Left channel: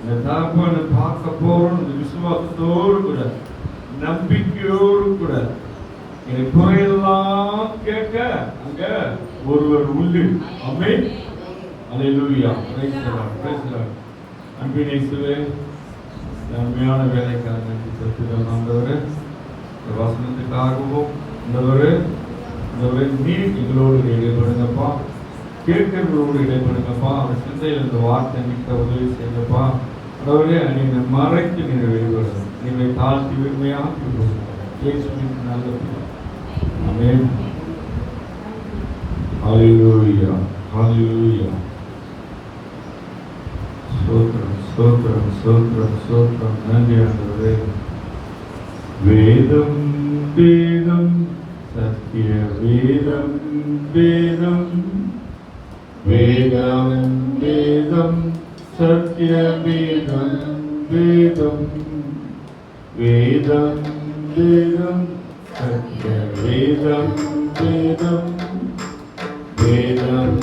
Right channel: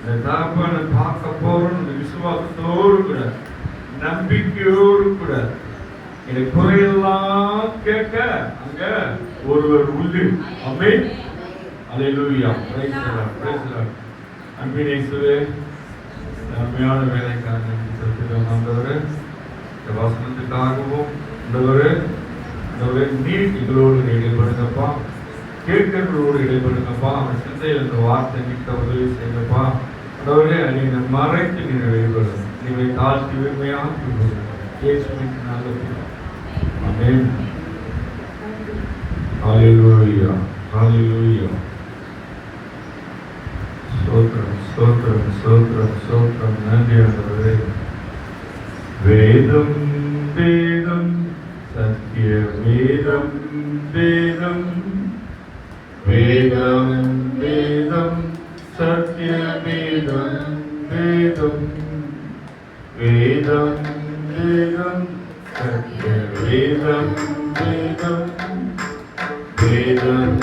இந்த தகப்பனை பார்க்க போறோம் விசுவாசத்தோடு கூட, நம்பிக்கையோடு கூட, என் குறையெல்லாம் கேட்க அங்க ஒருவர் உண்டு. ஆமென். அல்லேலூயா. Praise the Lord. Praise the Lord. அன்பின் இயேசுவே, அருமையான வேலைக்காக ஆண்டவரே, இந்த வசனத்துக்காகவும் ஆண்டவரே நீர் எங்களோடு இடைப்படுங்கப்பா, கேட்கிறவர்களோடு இடைப்படுங்கப்பா, அவன் சிந்தையில் இந்த வார்த்தை நிற்க உதவி செய்யப்பா. ஆண்டவரே, நீங்க மறைத்து நீங்க வெளிப்படுங்க, நீங்க தாழ்த்தி வெறுமையாக்கி விடுங்க. இயேசுவின் நாமத்தில் ஆமென். ஹல்லேலூயா. ஹல்லேலூயா. ஸ்தோத்திரம் ஸ்தோத்திரம் ஸ்தோத்திரம் ஸ்தோத்திரம். நன்றி ஆண்டவரே. வேதம் வேதம் சத்திய வேதம் வேதம் வேதம் வேதம் சத்திய வேதம் வேதம் வேதம் வேதம் சத்திய வேதம் வேதம் வேதம்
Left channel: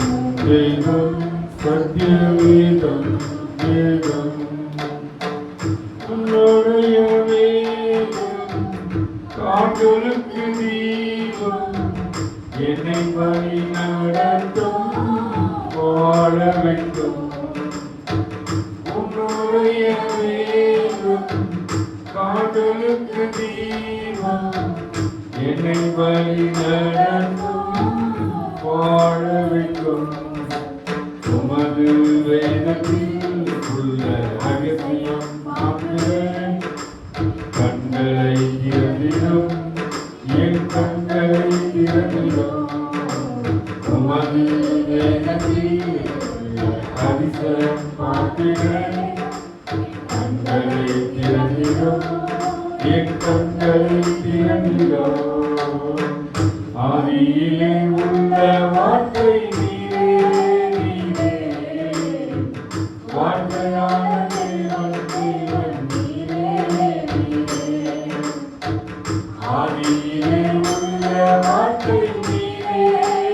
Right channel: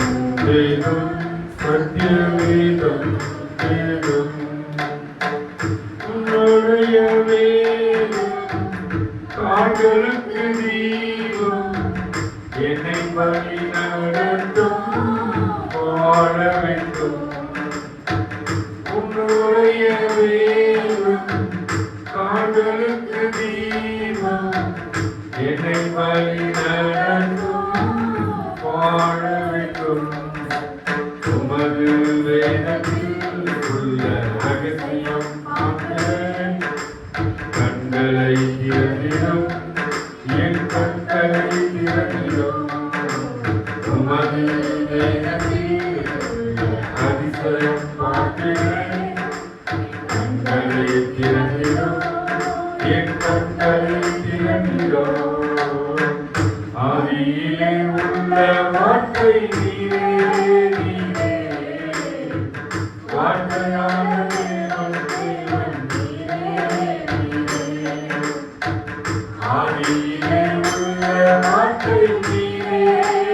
வேதம் சத்திய வேதம் வேதம். உன்னுடைய வேதம் காண்களுக்கு தீபம், என்னை வழி நடத்தும் வாழ வேண்டும். உன்னுடைய வேதம் காண்களுக்கு தீபம், என்னை வழி நடத்தும் வாழ வேண்டும். உமது வேதத்தில் உள்ள ரகசியம் காண்கிறேன். கண்களை திறந்திடும், என் கண்களை திறந்திடும். உமது வேதத்தில் அதிசயம் பார்க்கிறேன். கண்களை திறந்திடும், என் கண்களை திறந்திடும். ஆதியிலே உள்ள வார்த்தை நீரே, நீரே வார்த்தையான தேவன், தேவன் நீரே, நீரே. ஆதியிலே உள்ள வார்த்தை நீரே,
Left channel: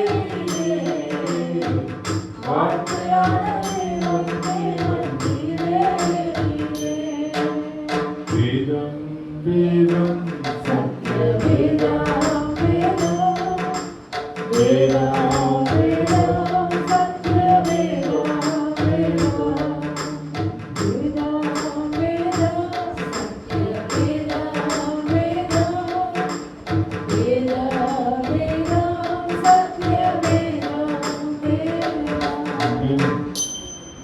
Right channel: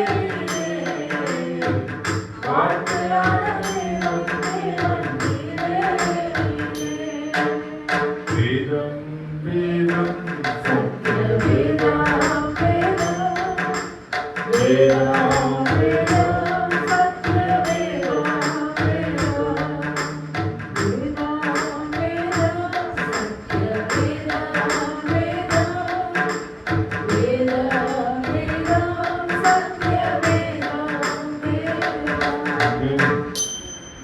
நீரே வார்த்தையான தேவன், தேவன் நீரே, நீரே. வேதம் வேதம் சத்திய வேதம் வேதம் வேதம் வேதம் சத்திய வேதம் வேதம் வேதம் வேதம் சத்திய வேதம் வேதம் வேதம் வேதம் சத்திய வேதம் வேதம்.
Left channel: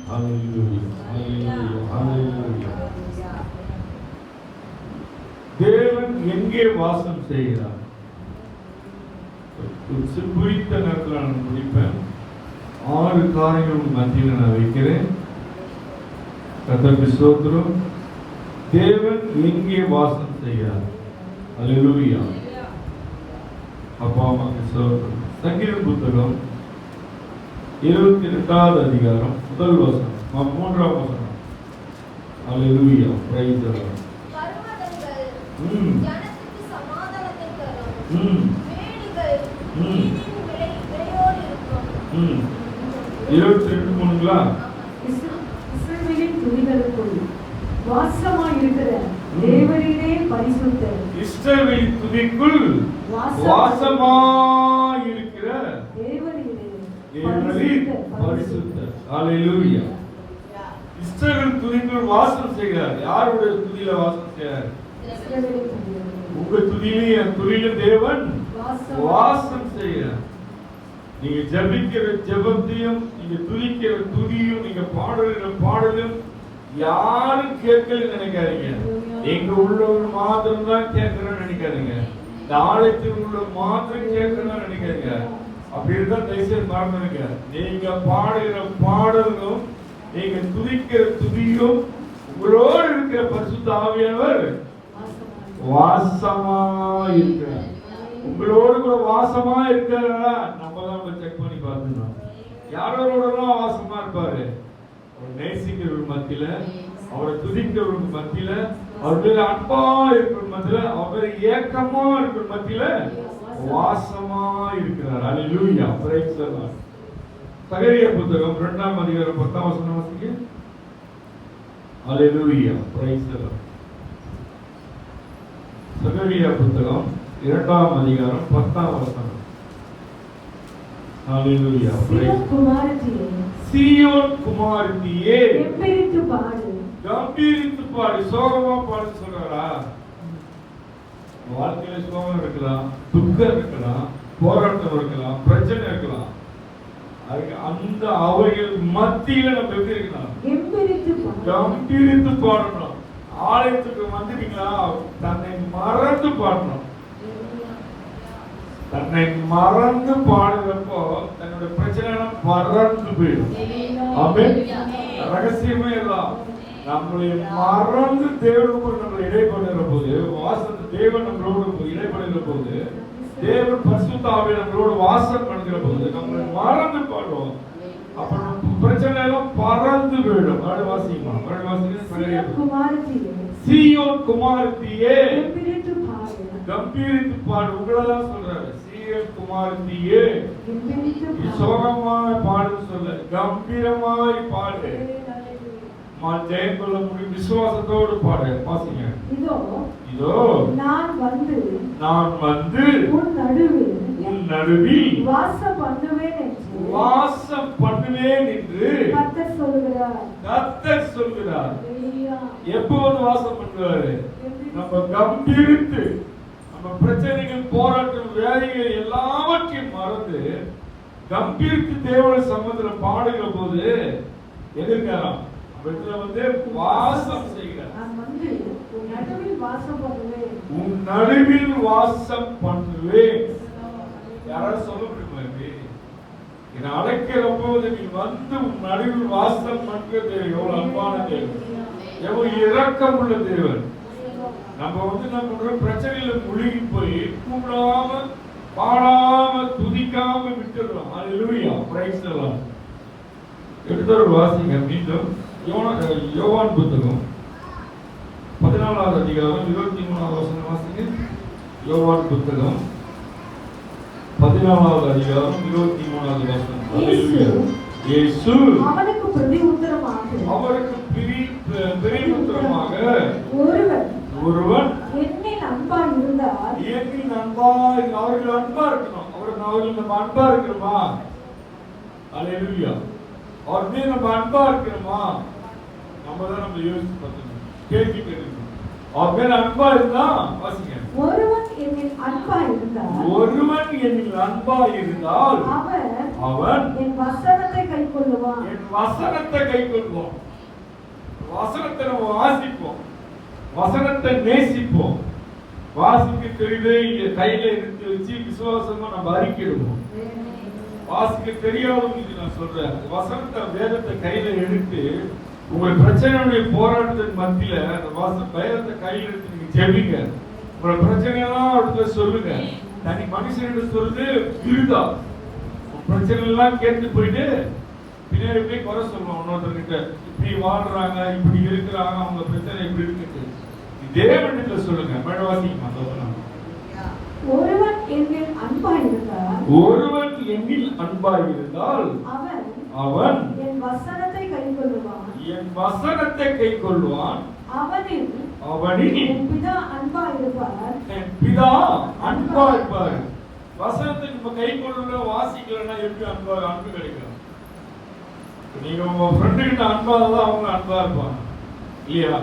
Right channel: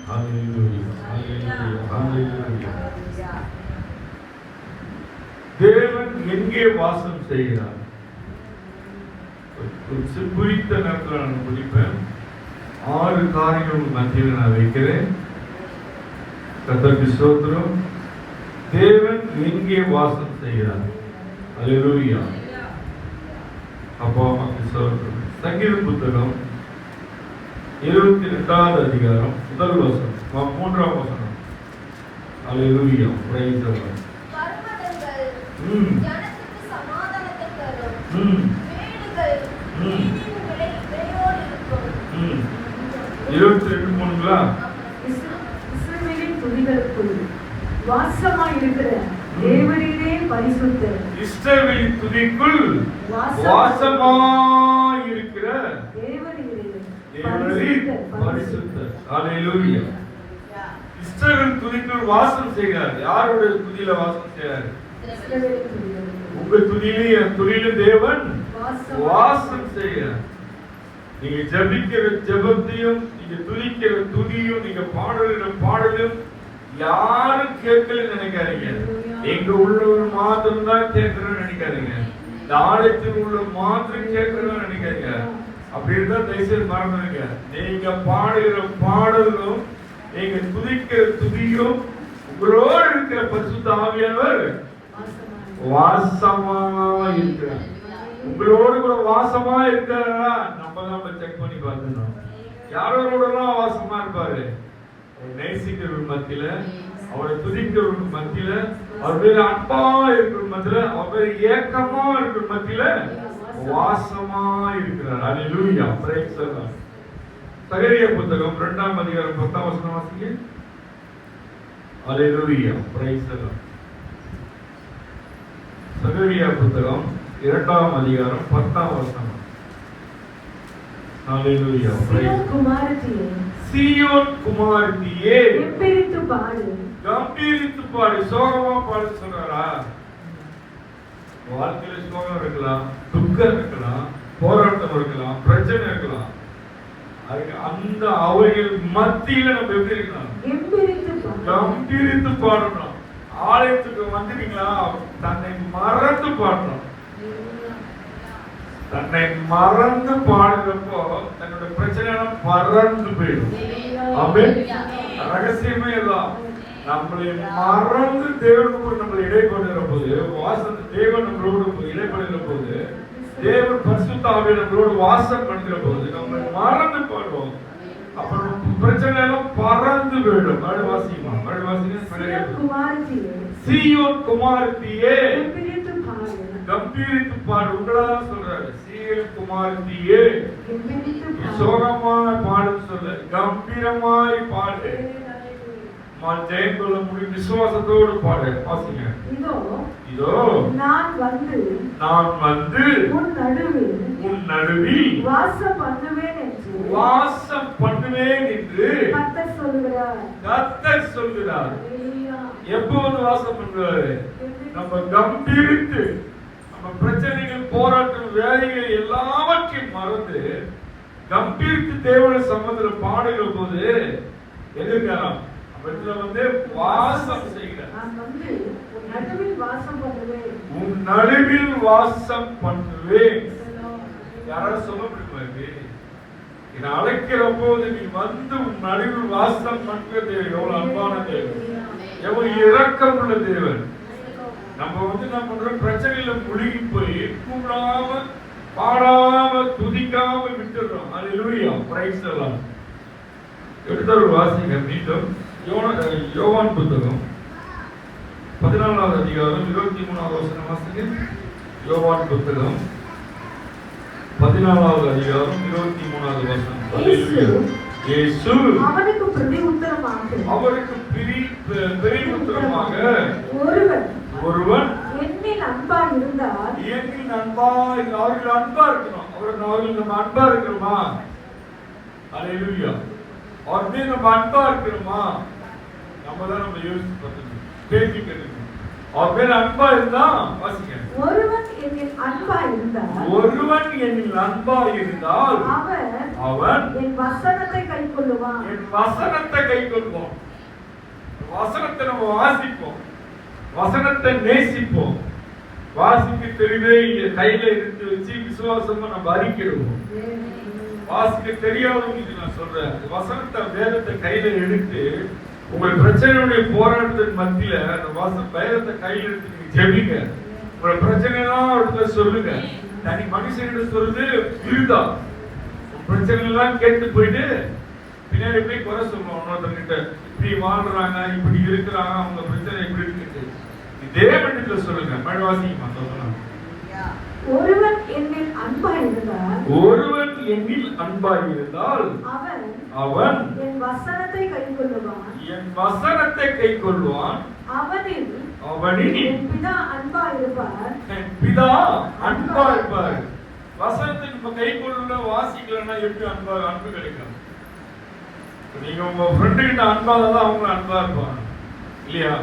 ஹல்லேலூயா. ஹல்லேலூயா. ஹல்லேலூயா. தேவன் எங்கே வாசம் செய்கிறார்? குறித்த நேரத்தில் நான் முடிப்பேன். 6 காரியங்கள் மத்தியில் நான் வைக்கிறேன். கர்த்தருக்கு ஸ்தோத்திரம். தேவன் எங்கே வாசம் செய்கிறார்? அல்லேலூயா. அப்பா அம்மாக்கு ஸ்தோத்திரம். சங்கீத புத்தகம் 28வது அதிகாரம் முதல் வசனம், 3ஆம் வசனம். அல்லேலூயா. Praise the Lord. ஜனத்துக்கு சமாதானத்தை தரும். மேடுகள் நீரின் விளையோடு இருக்கும். 22:3 இஸ்ரவேலின் துதிகளுக்குள் வாசமாய் இருக்கிற தேவரீரே பரிசுத்தர். இஸ்ரவேலின் துதிக்குள் வாசமாய் இருக்கிற தேவரீரே பரிசுத்தர். ஹல்லேலூயா. இஸ்ரவேல் துதிக்குள் வாசம் செய்கிறார். யாருடைய துதியில வாசம் செய்கிறார்? உங்க துதியிலே என் துதியில தேவன் வாசம் செய்கிறார். நீங்க ஜபிக்கிற ஜபத்தையும், நீங்க துதிக்கிற துதியும், நீங்க பாடுகிற பாடலும் யாரும் கேட்கலன்னு நினைக்காதீங்க. எங்க உள்ளவர் மாத்திரம் தான் கேட்கிறோம்னு நினைக்காதீங்க. இந்த ஆலயத்தில் உள்ள மாத்திரம் கேட்கிறோம்னு நினைக்காதீங்க. அப்படி இருந்தா தயவுசெய்து மறந்துடுங்க. நீங்க பாடுகிற பாடலும், நீங்க துதிக்கிற துதியும், உங்களோடு இருக்கிற பரிசுத்த ஆவியானவர் வாசமா இருக்கிறார். உங்களோடு கூட வாசமா இருக்கிறா நம்ம தான் செக் பண்ணி பார்க்கணும். யாரோடலாம் வாசமா இருப்பாரு? நேசிக்கிறவர்கள் மத்தியில, அவரை துதிக்கிறவர்கள் மத்தியில, அவர் மேல அன்பா இருக்கிற மத்தியில, அவர் ஏக்கமா இருக்கிற மத்தியில வாசமா இருக்கிறார். அல்லேலூயா. Praise the Lord. சகரியா புத்தகம் 2ஆம் அதிகாரம் 10ஆம் வசனம் வாசிங்க. ஹல்லேலூயா, பிரைஸ் தி லார்ட். சகரியா புத்தகம் 2ஆம் அதிகாரம் 10ஆம் வசனம். ஹல்லேலூயா. சீயோன் குமாரத்தியே, சீயோன் குமாரத்தியே, கம்பீரித்து பாடு. கம்பீரித்து பாடு. சோகமா பாடு சொல்றாரா? வாழ்க்கையில சோகம் இருக்கலாம், துக்கம் இருக்கலாம், போராட்டம் இருக்கலாம், பிரச்சனை இருக்கலாம். அந்த அவைகள் மத்தியில நம்ம எப்படி இருக்கலாம்? கம்பீரித்து பாடணும். ஆலயத்துக்கு வந்துட்டீங்களா, தன்னை மறந்து பாடணும். தன்னை மறந்து பாடுறப்போ தன்னோட பிரச்சனை எல்லாம் மறந்து போயிடும். ரகசியமே எல்லாம் நம்மளை மறந்து தேவனோடு நம்மளை இடைப்படுகிற போது, வாசம் தேவன் நம்மளோடு இடைப்படுகிற போது, தேவன் பரிசுத்த ஆவியை நம்மளோடு வாசம் பண்ணுகிற போது நம்ம மறந்து பாடுவோம். அப்புறம் பிரச்சனை எல்லாம் பறந்து போயிடும். மறுவாசிமா சீயோன் குமாரத்தியே, கம்பீரித்து பாடு. உங்களதான் சொல்றாரு, சீயோன் குமாரத்தியே சோகமாய் பாடுன்னு சொல்ல, கம்பீரமாய் பாடு. ஜெயம் கொள்ள முடியும் விசுவாசத்தோடு பாடு. வாசிங்க. இதோ நான் வந்து உன் நடுவில் வாசம் பண்ணுவேன் என்று கர்த்தர் சொல்கிறார். எப்போது வாசம் பண்ணுவாரு? நம்ம கம்பீரித்து, நம்ம பிரச்சனைகள், போராட்டம், வேலைகள் எல்லாவற்றையும் மறந்து கம்பீரித்து தேவனுடைய சம்பந்தத்தில் பாடுகிற போது எதிர்க்கலாம் வந்து வாசம் செய்கிறார். உன் நடுவில் வாசம் பண்ணுவேன். யாராவது சொல்ல முடியுமா? இதை அழைக்கிற போது நீ வந்து உன் நடுவில் வாசம் பண்ணுற தேவன் எவ்வளவு அன்பான தேவன், எவ்வளவு இரக்கம் உள்ள தேவன். நம்ம வந்து என்ன பண்றோம்? பிரச்சனையில முழுகி போய் கூப்பிடாம, பாடாம, துதிக்காம விட்டுறோம். ஹல்லேலூயா, பிரைஸ் தி லார்ட். எடுத்தவர் வாசிங்க மீண்டும் யோவான் புத்தகம் 14ஆவது அதிகாரம் 23ஆவது வசனம் வாசிங்க. யோவான் புத்தகம் 14ஆவது அதிகாரம் 23ஆவது வசனம். ஹல்லேலூயா. இயேசு அவருக்கு பிரதியுத்தரமாக ஒருவன் என்னில் அன்பா இருந்தால், அவர்கள் அன்பா இருக்கணும். அவர்கள் நம்ம அன்பா இருக்கிறோமா? ஹல்லேலூயா. அவர் மீது நம்ம அன்பா இருக்கிறோமா? நம்ம தான் நம்ம யோசிச்சு பார்க்கணும், கேள்வி கேட்கணும். அவர் மேல அன்பா இருந்தா வாசிங்க. ஒருவன் என்னில் அன்பா இருந்தால் அவன் என் வசனத்தை கைக்கொள்ளுவான். வசனத்தை நம்ம வாசிப்போம், வசனத்தை நேசிப்போம். வாசிக்க தெரியுது, கையில எடுத்து வச்சு விசுவாசமா நம்ம அறிக்கிடுவோம். வாசிக்க தெரியாதவங்களுக்கு நான் சொல்றேன், வசனத்தை, வேதத்தை கையில எடுத்து உங்கள் பிரச்சனையுடைய போராட்டத்தின் மத்தியில அந்த வேதத்தை கையில எடுத்து நீங்க ஜெபிங்க. உங்களோட பிரச்சனை எல்லாம் இடத்துல சொல்லுங்க. தனி மனுஷன் சொல்றது விருதா. பிரச்சனை எல்லாம் கேட்டு போயிட்டு பின்னாடி போய் குறை சொல்லுவோம் இன்னொருத்தர்கிட்ட. இப்படி வாழ்றாங்க, இப்படி இருக்கிறாங்க, அவங்க பிரச்சனை இப்படி இருக்கு. தேவனிடத்துல சொல்லுங்க. மழவாசிக்குமா சொல்லலாம். ஒருவன் என்னில் அன்பாய் இருந்தால் அவன் என் வசனத்தை கைக்கொள்வான். அவனில் என் பிதா அன்பாய் இருப்பார். வசனத்தை நம்ம கைக்கொள்ள வாசிக்கலன்னா எப்படி அன்பு கிடைக்கும்? நீங்க உங்க ஃப்ரெண்டு கிட்ட அன்பாதான் அவங்க அன்பா இருப்பாங்க இல்லையா?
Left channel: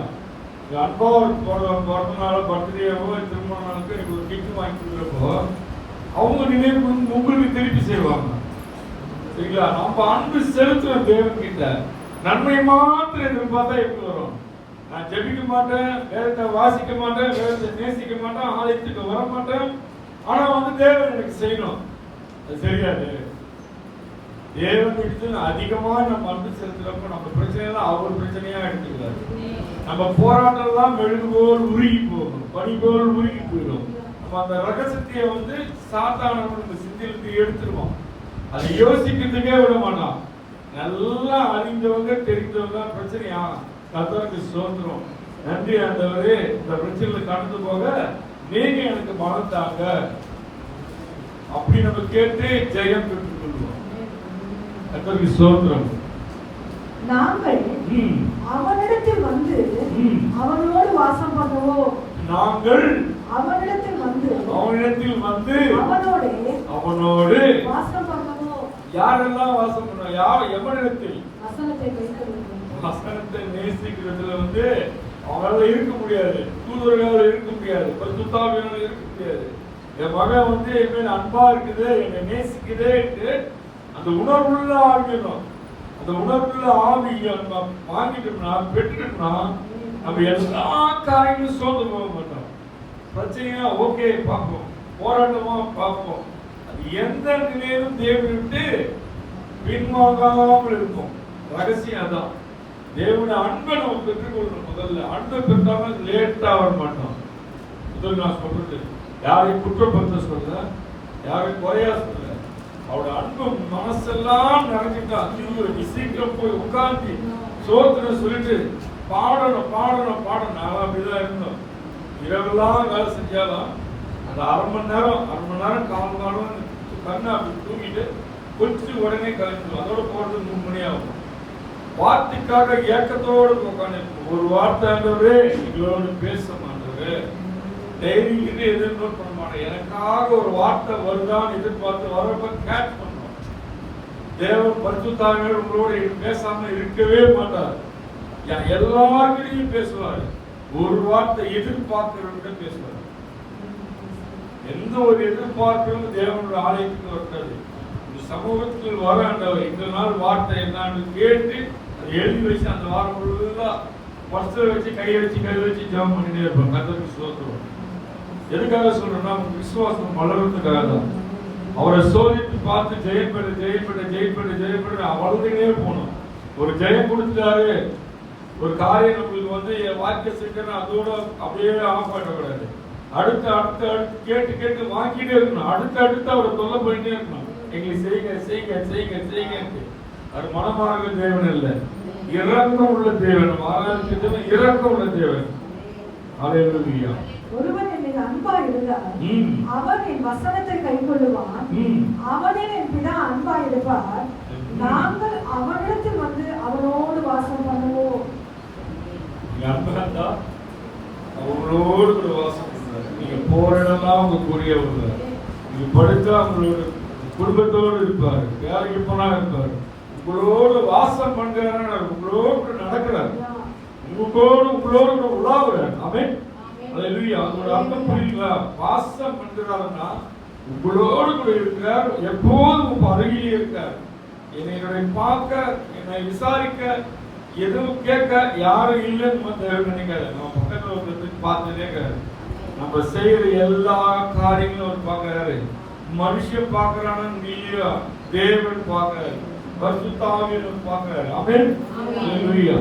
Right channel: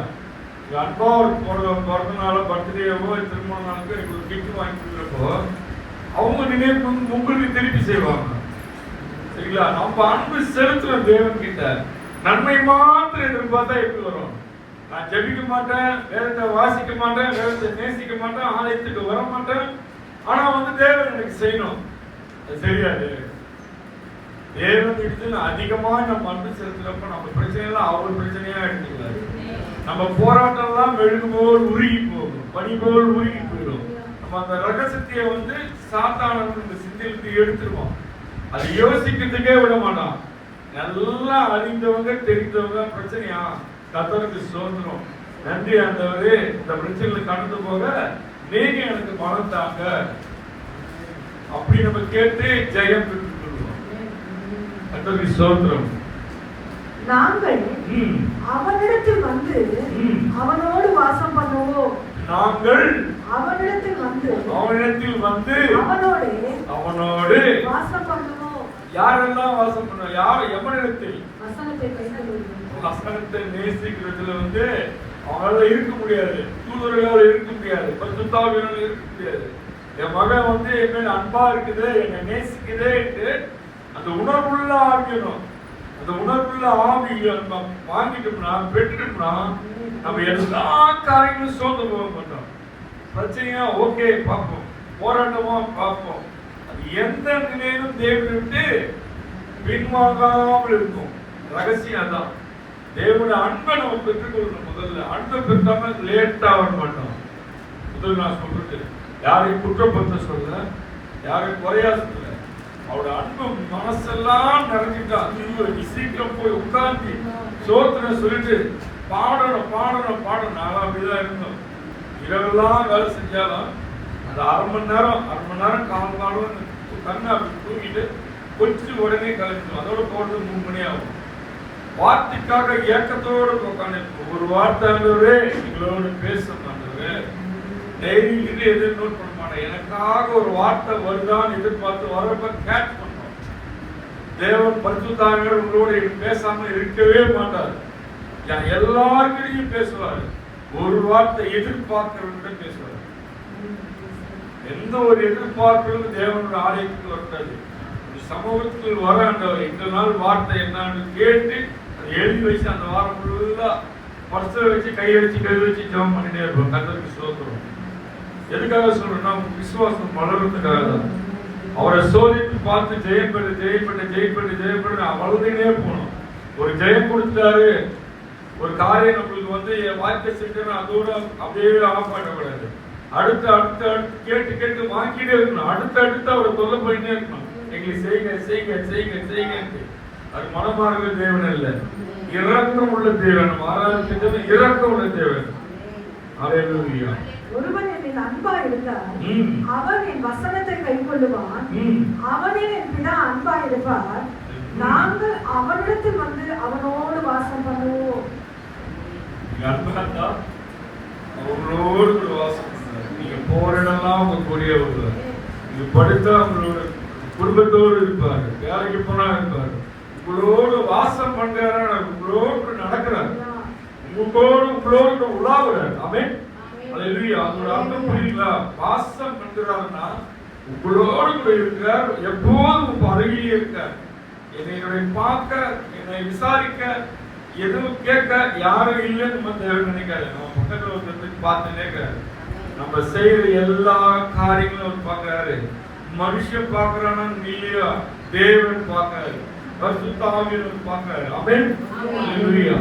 அன்பா ஒரு பிறந்த நாள், பர்த்டேவோ, திருமண நாளுக்கு எனக்கு ஒரு கிஃப்ட் வாங்கி கொடுக்குறப்போ அவங்க நினைவு உங்களுக்கு திருப்பி செய்வாங்க. சரிங்களா? நம்ம அன்பு செலுத்துவோம் தேவன் கிட்ட. நன்மை மாத்திரம் எதிர்பார்த்தா எப்படி வரும்? நான் ஜெபிக்க மாட்டேன், வேதத்தை வாசிக்க மாட்டேன், வேதத்தை நேசிக்க மாட்டேன், ஆலயத்துக்கு வர மாட்டேன், ஆனா வந்து தேவன் எனக்கு செய்யணும். அது சரியாது. தேவன் இடத்துல அதிகமா நம்ம அன்பு செலுத்துறப்ப நம்ம பிரச்சனைலாம் அவர் பிரச்சனையா எடுத்துக்கூடாது. நம்ம போராட்டம் எல்லாம் மெழுகு போல் உருகி போகும், பனி போல் உருகி போயிடும். நம்ம அந்த ரகசியத்தை வந்து சாத்தான நம்ம சிந்தையிலிருந்து எடுத்துருவோம். அதை யோசிக்கிறதுக்கே விட மாட்டான். நல்லா அறிந்தவங்க, தெரிந்தவங்க பிரச்சனையா கர்த்தருக்கு சோதரும். நன்றி ஆண்டவரே, இந்த பிரச்சனையில கடந்து போக நீங்க எனக்கு பலம் தாங்க அப்படி நம்ம கேட்டு ஜெயம் பெற்றுக் கொள்வோம். கர்த்தருக்கு சோதரம். நாங்கள் ம், அவனிடத்தில் வந்து ம். அவனோடு வாசம் பண்ணுவோம். நாங்கள் அவனிடத்தில் வந்து அவனிடத்தில் வந்து அவனோடு அவனோடு வாசம் பண்ணுவோம். யாரெல்லாம் வாசம் பண்ணுவோம்? யார் எவனிடத்தில்? வசனத்தை கைக்கொள்வோம். வசனத்தை நேசிக்கிறதுல வந்து அவனால இருக்க முடியாது, தூதர்களால இருக்க முடியாது, பரிசுத்தாவியால இருக்க முடியாது. என் மகன் வந்து என் மேல அன்பா இருக்குது, என்னை நேசிக்குது என்று அந்த உணர்வுள்ள ஆவியணும். அந்த உணர்வுள்ள ஆவியை நம்ம வாங்கிட்டோம்னா, பெற்றுட்டோம்னா, நம்ம எல்லா காரியங்களும் சோர்ந்து போக மாட்டோம். பிரச்சனையா ஓகே பார்ப்போம், போராட்டமா பார்ப்போம். அது எந்த நிலையிலும் தேவனை விட்டு பின்வாங்காமல் இருக்கும். ரகசியம் அதான். தேவனுடைய அன்பை நம்ம பெற்றுக்கொள்ளணும். முதல்ல அன்பை பெற்றாம லேட்டா வர மாட்டோம். முதல்ல நான் சொல்றது யாரையும் குற்றப்படுத்த சொல்ல, யாரையும் குறையா சொல்ல. அவரோட அன்பு மனசெல்லாம் நிறைஞ்சிட்டா நீ சீக்கிரம் போய் உட்கார்ந்து சோத்திரம் சொல்லிட்டு பாடணும் பாடணும் பாடணும். நாங்கள் அப்படிதான் இருந்தோம். இரவெல்லாம் வேலை செஞ்சாலும் அந்த அரை மணி நேரம் காலம் கண்ணா அப்படி தூங்கிட்டு கொஞ்சம் உடனே கிளம்பிடுவோம். அதோட போறது 3 மணி ஆகும். வார்த்தைக்காக ஏக்கத்தோடு உட்காந்து ஒரு வார்த்தை எங்களோடு பேச மாட்டவரு டைரியிலிருந்து எதிர் நோட் பண்ண மாட்டேன். எனக்காக ஒரு வார்த்தை வருதான்னு எதிர்பார்த்து வரப்ப கேட்ச் பண்ணுவோம். தேவன் பரிசுத்தாவியோடு உங்களோடு பேசாம இருக்கவே மாட்டார். எல்லாருக்கிட்டையும் பேசுவார். ஒரு வார்த்தை எதிர்பார்க்கிறவங்க பேசுவார். எந்த ஒரு எதிர்பார்ப்பும் தேவனுடைய ஆலயத்துக்கு வர்றது. சமூகத்துக்கு வர ஆண்டவர் இந்த நாள் வார்த்தை என்னன்னு கேட்டு எழுதி வச்சு அந்த வாரம் ஃபுல்லா பர்ஸில் வச்சு கை வச்சு ஜெபம் பண்ணிட்டே இருப்போம். கர்த்தருக்கு ஸ்தோத்திரம். எதுக்காக சொல்றேன்னா விசுவாசம் வளர்றதுக்காக தான். அவரை சோதித்து பார்த்து ஜெயப்பட்டு வளர்ந்துக்கிட்டே போகணும். ஒரு ஜெயம் கொடுத்தாரு, ஒரு காரியம் நம்மளுக்கு வந்து வாய்ப்பை செஞ்சு அதோட அப்படியே ஆஃப் பண்ணக்கூடாது. அடுத்து கேட்டு வாங்கிட்டே இருக்கணும். அடுத்து அவரை தொல்லை போயிட்டே இருக்கணும். எங்களை செய்யுங்க. அது மனமார்ந்த தேவன் அல்ல, இரக்கம் உள்ள தேவன். இரக்கம் உள்ள தேவன். அல்லேலூயா. ஒருவன் என் மீது அன்பா இருந்தால் அவன் என் வசனத்தை கைக்கொள்ளுவான். அவனில் என் பிதா அன்பா இருப்பார். நாங்கள் அவனிடத்தில் வந்து அவனோடு வாசம் பண்ணுவோம். அன்பா அவங்களோடு கூட வாசம் பண்ணுவார். நீங்க போற இடம்லாம் உங்க கூடிய வருவார். நீங்க படுத்தா அவங்களோட குடும்பத்தோடு இருப்பாரு, வேலைக்கு போனா இருப்பாரு, உங்களோடு வாசம் பண்றாரு, உங்களோடு நடக்கிறார், உங்களோடு உலாவுறார். ஆமென். அல்லேலூயா. அதோட அர்த்தம் புரியுங்களா? வாசம் பண்றாருன்னா உங்களோடு கூட இருக்கிறார், எப்போதும் உங்க அருகிலே இருக்கார். என்னை பார்க்க, என்னை விசாரிக்க, எதுவும் கேட்க யாரும் இல்லைன்னு நம்ம தேவன் நினைக்காது. நம்ம பக்கத்துல வந்து பார்த்துட்டே இருக்காரு. நம்ம செய்யற எல்லா காரியங்களும் பார்க்கிறாரு. மனுஷன் பார்க்கிறான்னு இல்லையா, தேவன் பார்க்கிறாரு, பரிசுத்த ஆவியானவர் பார்க்கிறாரு. ஆமென். அல்லேலூயா.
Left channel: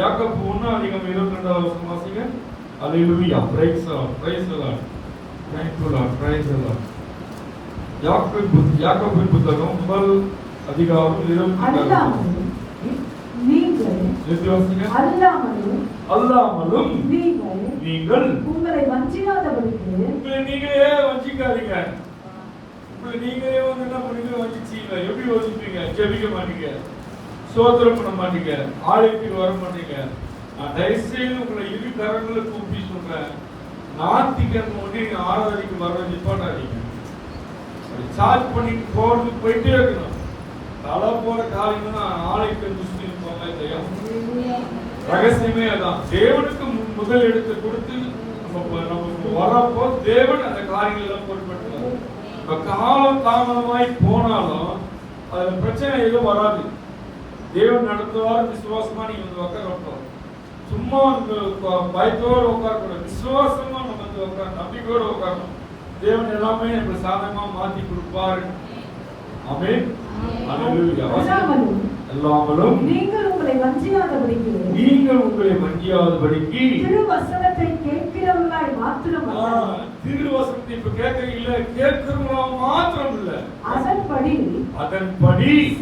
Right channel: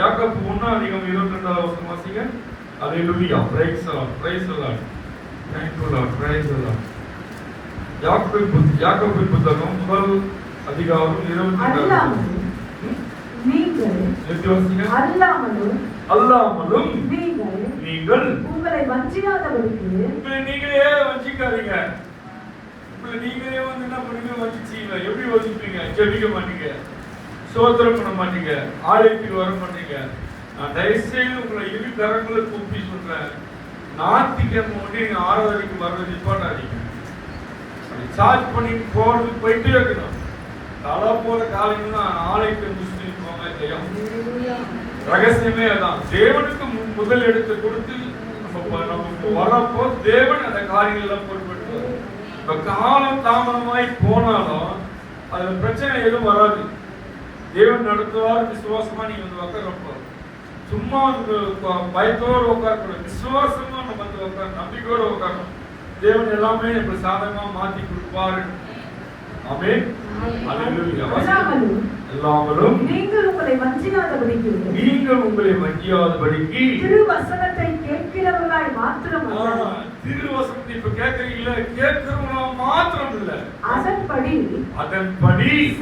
யாக்கோபு 1:22 வாசிங்க. அல்லேலூயா. Praise the Lord. Thank you Lord. Praise the Lord. யாக்கோபு புத்தகம் 1 அதிகாரம் 22. அல்லாமலும் நீங்கள் உங்களை வஞ்சிக்காதபடிக்கு உங்களை நீங்களே வஞ்சிக்காதீங்க. உங்களை நீங்களே வந்து என்ன பண்ணுவீங்க? வஞ்சிச்சீங்க. எப்படி வஞ்சிப்பீங்க? ஜெபிக்க மாட்டீங்க, ஸ்தோத்திரம் பண்ண மாட்டீங்க, ஆலயத்துக்கு வர மாட்டீங்க. நான் தயவுசெய்து உங்களை இரு கரங்களை கூப்பி சொல்றேன், ஞாயிற்றுக்கிழமை நீங்க ஆராதனைக்கு வர்றது நிப்பாட்டாதீங்க. சார்ஜ் பண்ணிட்டு போயிட்டே இருக்கணும். தலை போற காரியம்னா ஆலயத்தை முடிச்சுட்டு இருப்பாங்க இல்லையா? ரகசியமே அதான். தேவனுக்கு முதல் எடுத்து கொடுத்து நமக்கு வரப்போ தேவன் அந்த காரியங்கள் எல்லாம் பொருட்படுத்துவார். காலம் தாமதமாய் போனாலும் அதுல பிரச்சனை எதுவும் வராது. தேவன் நடத்துவார். விசுவாசமா நீங்க வந்து உட்காரப்போ சும்மா பயத்தோடு உட்காரக்கூடாது. விசுவாசமா நம்ம வந்து உட்கார, நம்பிக்கையோட உட்காரணும். தேவன் எல்லாமே நம்ம சாதகமா மாத்தி கொடுப்பாரு. ஆமென். அல்லேலூயா. எல்லாமலும் நீங்கள் உங்களை வஞ்சிக்காதபடிக்கு திருவசனத்தை கேட்கிறவர்களாய் மாத்திரம் அல்ல. திருவசனத்தை இப்ப கேட்கறீங்களா? கேட்கிறவங்களா மாத்திரம் இல்ல, அதன்படி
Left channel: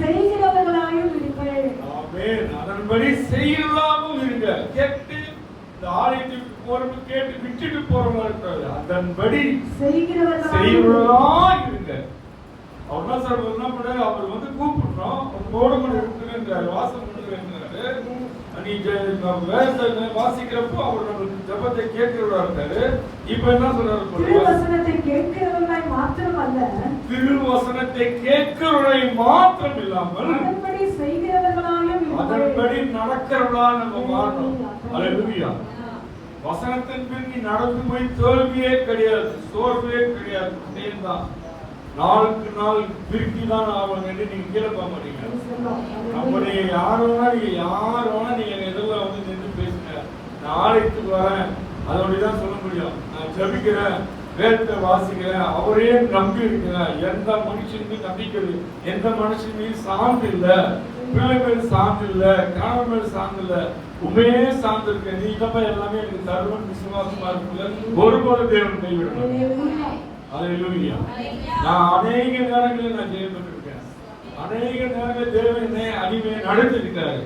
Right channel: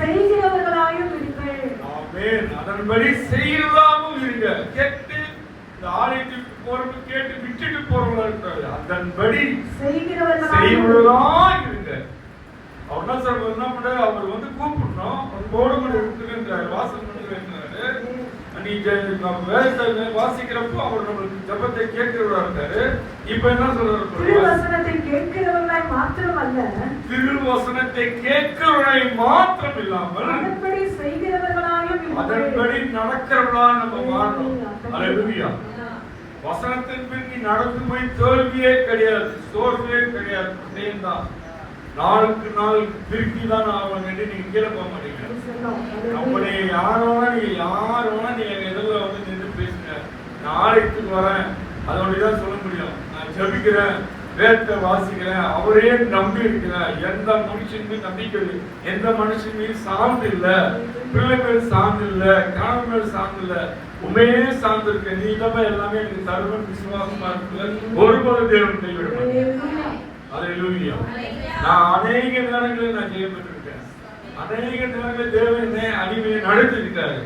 செய்கிறவர்களாயும் இருங்கள். ஆமென். அதன்படி செய்கிறவர்களாகவும் இருங்க. கேட்டு இந்த ஆலயத்துக்கு போறவங்க கேட்டு விட்டுட்டு போறவங்களா இருக்காது. அதன்படி செய்கிறவர்களா இருங்க. அவர் என்ன சார் என்ன பண்ணாரு? அவர் வந்து கூப்பிடணும், அவர் போர்டு கூட இருக்குன்றாரு, வாசல் பண்ணுறாரு. நீ வேதத்தை வாசிக்கிறப்போ அவர் நம்மளுக்கு ஜெபத்தை கேட்கிறவரா இருக்காரு. இப்ப என்ன சொல்றாரு? திருவசனத்தை கேட்கிறவர்களாய் மாத்திரமல்ல, திருவசனத்தை கேட்கிறவரை மாத்திரம் இல்லாமல் அதன்படி செய்கிறவர்களாயும், அதன்படி நடக்கிறவர்களா நம்ம மாறணும். அல்லேலூயா. வசனத்தின் பின் நீ நடந்து போய் தோல்வியே கிடையாது, சோர்வே கிடையாது. தான் நாளுக்கு நாள் திருப்பி தான் ஆகணும் என்று நீங்க கீழே போக மாட்டீங்க. நம்முடைய யாரோனா நீங்க எதில் வந்து நின்று பேசுங்க. நான் ஆலயத்துக்கு வரேன், அதோடதான் சொல்ல முடியும். நான் ஜெபிக்கிறேன், வேதத்தை வாசிக்கிறேன், அவரையே நம்பி இருக்கிறேன். எந்த மனுஷன் மீது நம்பிக்கை, எந்த மனுஷன் மீது சார்ந்து இல்ல, பிள்ளை மேல் சார்ந்து இல்ல, கணவன் மேல் சார்ந்து இல்ல, உண்மையே சார்ந்து இருக்க. நீ இல்லாம எல்லாமே எனக்கு தருவன் விசுவாசமா இருக்குல்ல, ஒருபோது தேவன் கைவிடணும். அல்லேலூயா. நான் அநேக நேரங்களில் நான் ஜெயப்பட்டிருக்கேன். அநேக நேரங்களில் தேவன் அடிமையை நடத்திருக்காரு.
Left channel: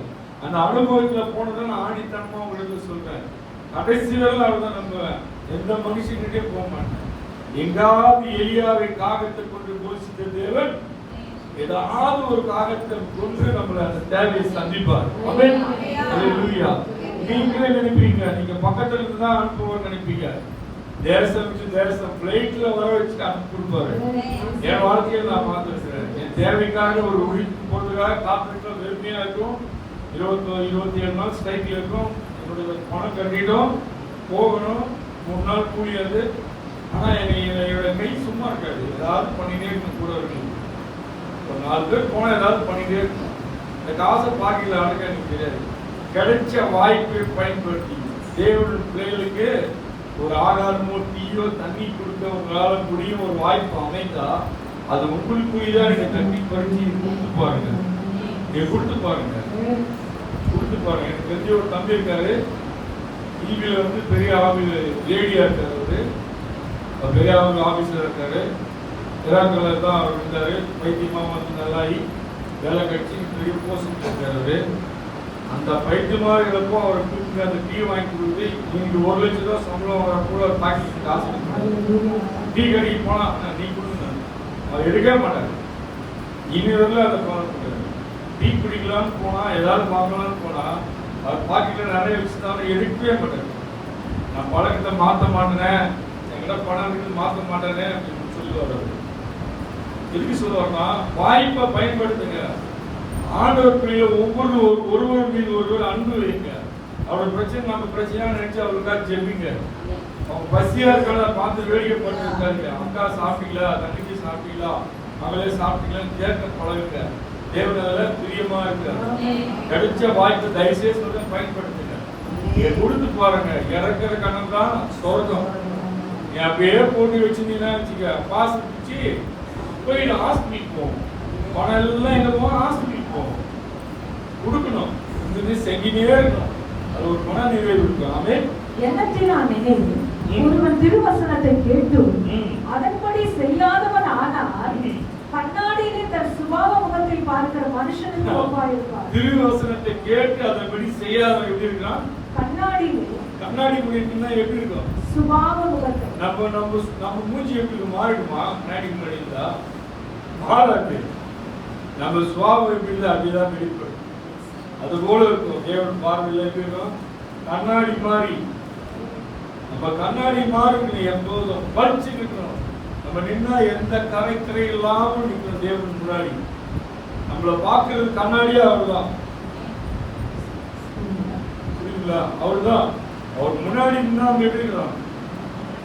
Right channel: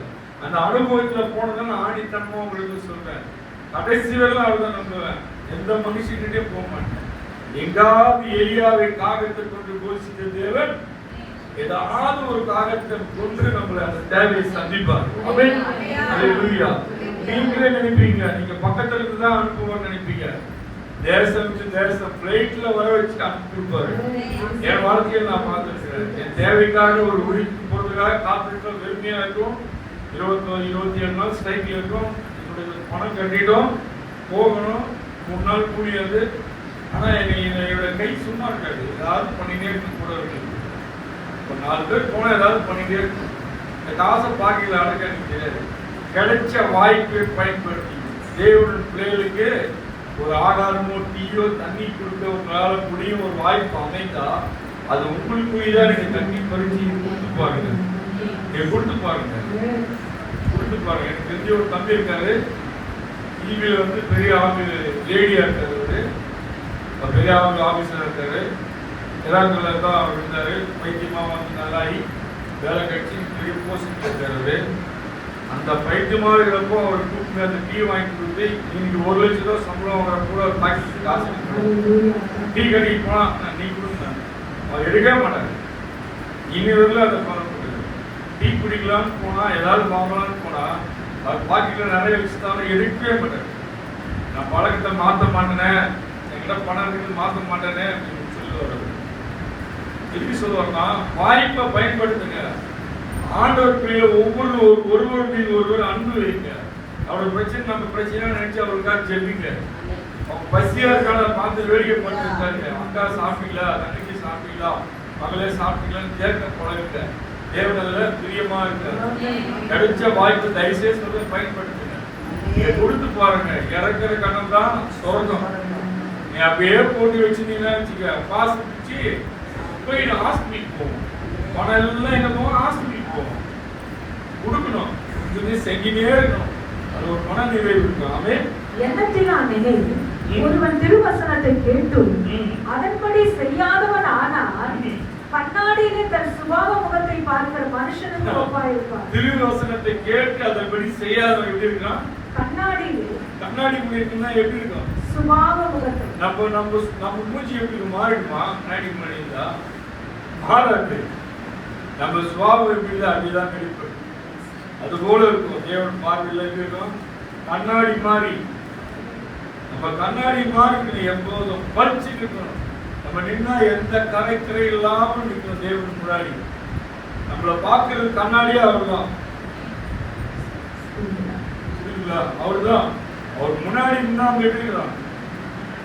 அந்த அனுபவத்துல போனதான் நான் ஆணித்தனமா உங்களுக்கு சொல்றேன். கடைசி வரையிலும் அவர்தான் நம்புவேன். எந்த மனுஷன்கிட்டே போக மாட்டேன். எங்காவது எலியாவை காகத்தை கொண்டு போதித்த தேவன் ஏதாவது ஒரு காகத்தை கொண்டு நம்மள அந்த தேவையை சந்திப்பார். ஆமென். அல்லேலூயா. நீங்களே நினைப்பீங்க, நீங்க பக்கத்துல இருந்து தான் அனுப்புவோம்னு நினைப்பீங்க. தேசம் பிளைட்ல வர வச்சு அனுப்பி கொடுப்பாரு. என் வாழ்க்கையில் நான் பார்த்துருக்கிறேன். என் தேவைக்காக ஒரு உழைப்பு போறதுக்காக காத்திருக்க வெறுமையா இருக்கும். 27 நாள் ஸ்ட்ரைக்ல இருக்கும். என்னுடைய பணம் கட்டிட்டோம், போகணும். 3 நாள் கூலியாது. ஆனா என்னோட கை சும்மா இருக்காது, ஏதாவது பண்ணிட்டே இருக்கும். கூட இருக்கு ஒரு 4 பேர் போனா ஏதாவது பண்ணிட்டே இருக்கும். இந்த காசை பாக்கில அடக்க எனக்கு தெரியாது. கிடைச்ச வாய்ப்பை பயன்படுத்தி தேவனுடைய பிள்ளைகளுக்கு ஒரு ஆகாரமோ டீயோ தண்ணி கொடுக்க உங்களால முடியும் ஒரு வாய்ப்பு அமைத்தா அது உங்களுக்குதான். நீங்க தண்ணி பறிச்சு கொடுத்து பாருங்க, நீங்க கொடுத்து பாருங்க. எனக்கு தெரிஞ்ச ஒரு தம்பி இருக்காரு, டிவியில வந்து பெரிய லேடியா இருக்காரு, பெரிய ஆபீஸ்ல இருக்காரு. எராக்கல்ல தான் இருந்தாரு. பைத்தியமா வந்து நல்லாயி வேலை கட்சி பெரிய போஸ்டிங் இருக்காரு. அந்த பைத்தியமா இருக்கிறப்போ அவர் கூப்பிட்டு அந்த டீ வாங்கி கொடுத்து, இன்னைக்கு 1 லட்சம் ரூபாய் சம்பளம் வர கூட பாக்கெட் காசு டீ கடைக்கு போனா நீ கொடுங்க, அவர் எடுக்கவே மாட்டாரு. இனி வரல அதை ஃபாலோ பண்றாரு. டீ குடிக்கலாம்னு போனா, ஏதாவது வாங்கலாம்னு போனா, அவர் பாக்கெட்ல நிறைய வச்சுட்டாலும் எடுக்கவே மாட்டாரு. நான் பழக்கத்தை மாற்ற மாட்டேனேன், என்கிட்ட பணம் இருக்கு மாற்ற மாட்டேனே அப்படின்னு சொல்லுவார். எதுக்கு சொல்லுவாருன்னா, வாய்ப்பை பயன்படுத்துங்க. ஆண்டவர் பிள்ளைய ஒருவர் மீது ஒருவர் அன்பு வைங்க. அவரோட பிரச்சனை நம்ம பிரச்சனையா நினைச்சு அவருக்காக ஜெபிங்க. அவங்க பசியா இருக்காங்க பார்த்து வேடிக்கை பண்ணிருக்காங்க. அக்கா சாப்பிட்டீங்களா, தங்கச்சி சாப்பிட்டீங்களா, மகளே சாப்பிட்டீங்களான்னு கேட்க பழகுங்க. தேவனால பிரியமா இருக்க கிடைச்ச வாய்ப்பை தயவுசெய்து சொல்ல பயன்படுத்துங்க. நீங்க கொடுத்து பாருங்க. இறக்குற கணம் தான் சொர்க்கம். நீ அப்படியே போட்டு வச்சிருந்தீங்கன்னா வச்சுக்க, பாசு பிடிச்சி போய் ஹாஸ்பிட்டலுக்கு போவோம். பணம் எல்லாம் எங்க போவோம், ஹாஸ்பிட்டலுக்கு போவோம். கொடுக்கணும், செஞ்சினே இருக்கணும். அது ஒரு மன நிறைவு இருக்கும். ஆமென். எண்ணத்தினாலே ஒருவன் திருவசனத்தை கேட்டு அதன்படி செய்யாதவன் ஆனால் கண்ணாடியிலே தன் சுபாவ முகத்தை பார்க்கிற மனுஷனுக்கு ஒப்பாயிருப்பார். திருவசனத்தை கேட்டு அதன்படி செய்யாதவன் எப்படி இருக்கான்? கண்ணாடி முன்னாடி எப்படி இருக்கும்? சுபாவ முகத்தை. நம்ம மூஞ்சி எப்படி மாறிடுமா? கண்ணாடி முன்னாடி இருந்தா மாறாது. நம்ம சுபாவம் எப்படி அப்படிதான் இருப்பது. அது போல இருக்கும். தேவன் பார்வையில் இருக்கும். கண்ணாடி மாறி நம்ம கண்ணாடி மாறி எப்போதும் பறிச்சு இருக்கணும். நம்ம நின்னா எந்த கரை இல்லாமல் நிற்கணும். தேவன் முன்னாடி நம்மளை பார்க்கறது கண்ணாடியே அவர்தான். புரியுங்களா? அவர்தான். அவர் முன்னாடி நின்னா எப்படி இருக்கலாம்?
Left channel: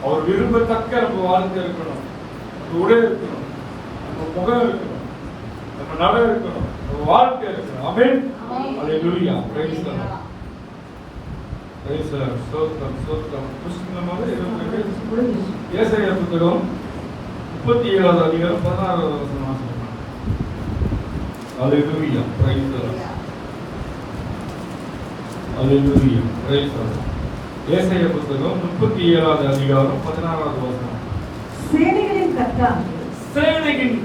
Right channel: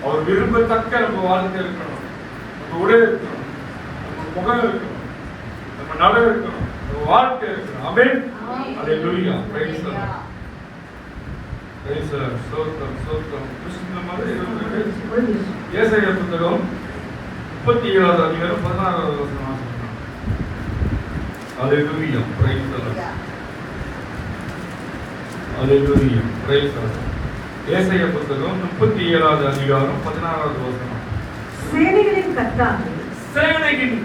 அவர் விரும்பத்தக்க நம்ம வாழ்க்கை இருக்கணும். நம்ம உடை இருக்கணும், நம்ம முகம் இருக்கணும், நம்ம நட இருக்கணும், நம்ம வாழ்க்கை இருக்கணும். ஆமென். அல்லேலூயா. Praise the Lord. Praise the Lord. ஸ்தோத்திரம். கிறிஸ்துவின் ஏசாயா புத்தகம் 37வது அதிகாரம் 16வது வசனம் வாசிக்கலாம். அல்லேலூயா. Praise the Lord. அல்லேலூயா. Praise the Lord. ஏசாயா புத்தகம் 37வது அதிகாரம் 16வது வசனம். சேனைகளின்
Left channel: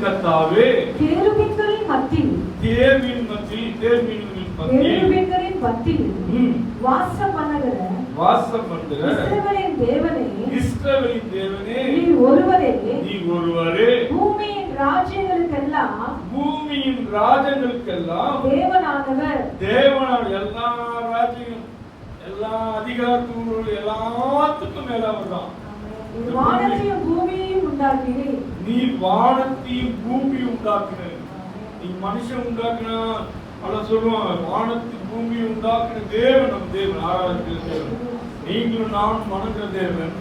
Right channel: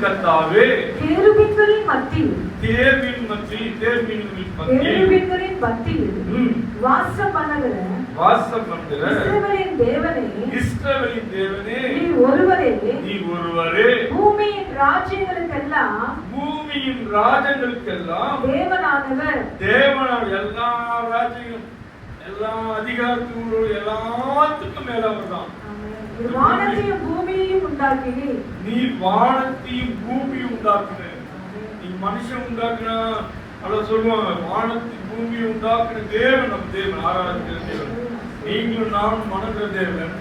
கர்த்தாவே, கேருபீன்களின் மத்தியில் வாசம் பண்ணுகிற இஸ்ரவேலின் தேவனே, நீ ஒருவரே பூமியின் ராஜ்யங்களுக்கெல்லாம் தேவனானவர். எல்லா ராஜ்யம் எல்லா அதிகாரத்தோடு எல்லாத்துக்கும் மேலாவர் தான். வானத்தையும் பூமியையும் உண்டாக்கினேன். நீ வானத்தையும் பூமியும் உண்டாக்குன. நீ மனுஷன் உண்டாக்குனா அத சொல்லுவாங்க, வானத்தையும் பூமியும் உண்டாக்குன தேவன் நம்ம தேவன், ஆராதிக்கிற தேவன். நீங்களும் நானும் வணங்குற தேவன்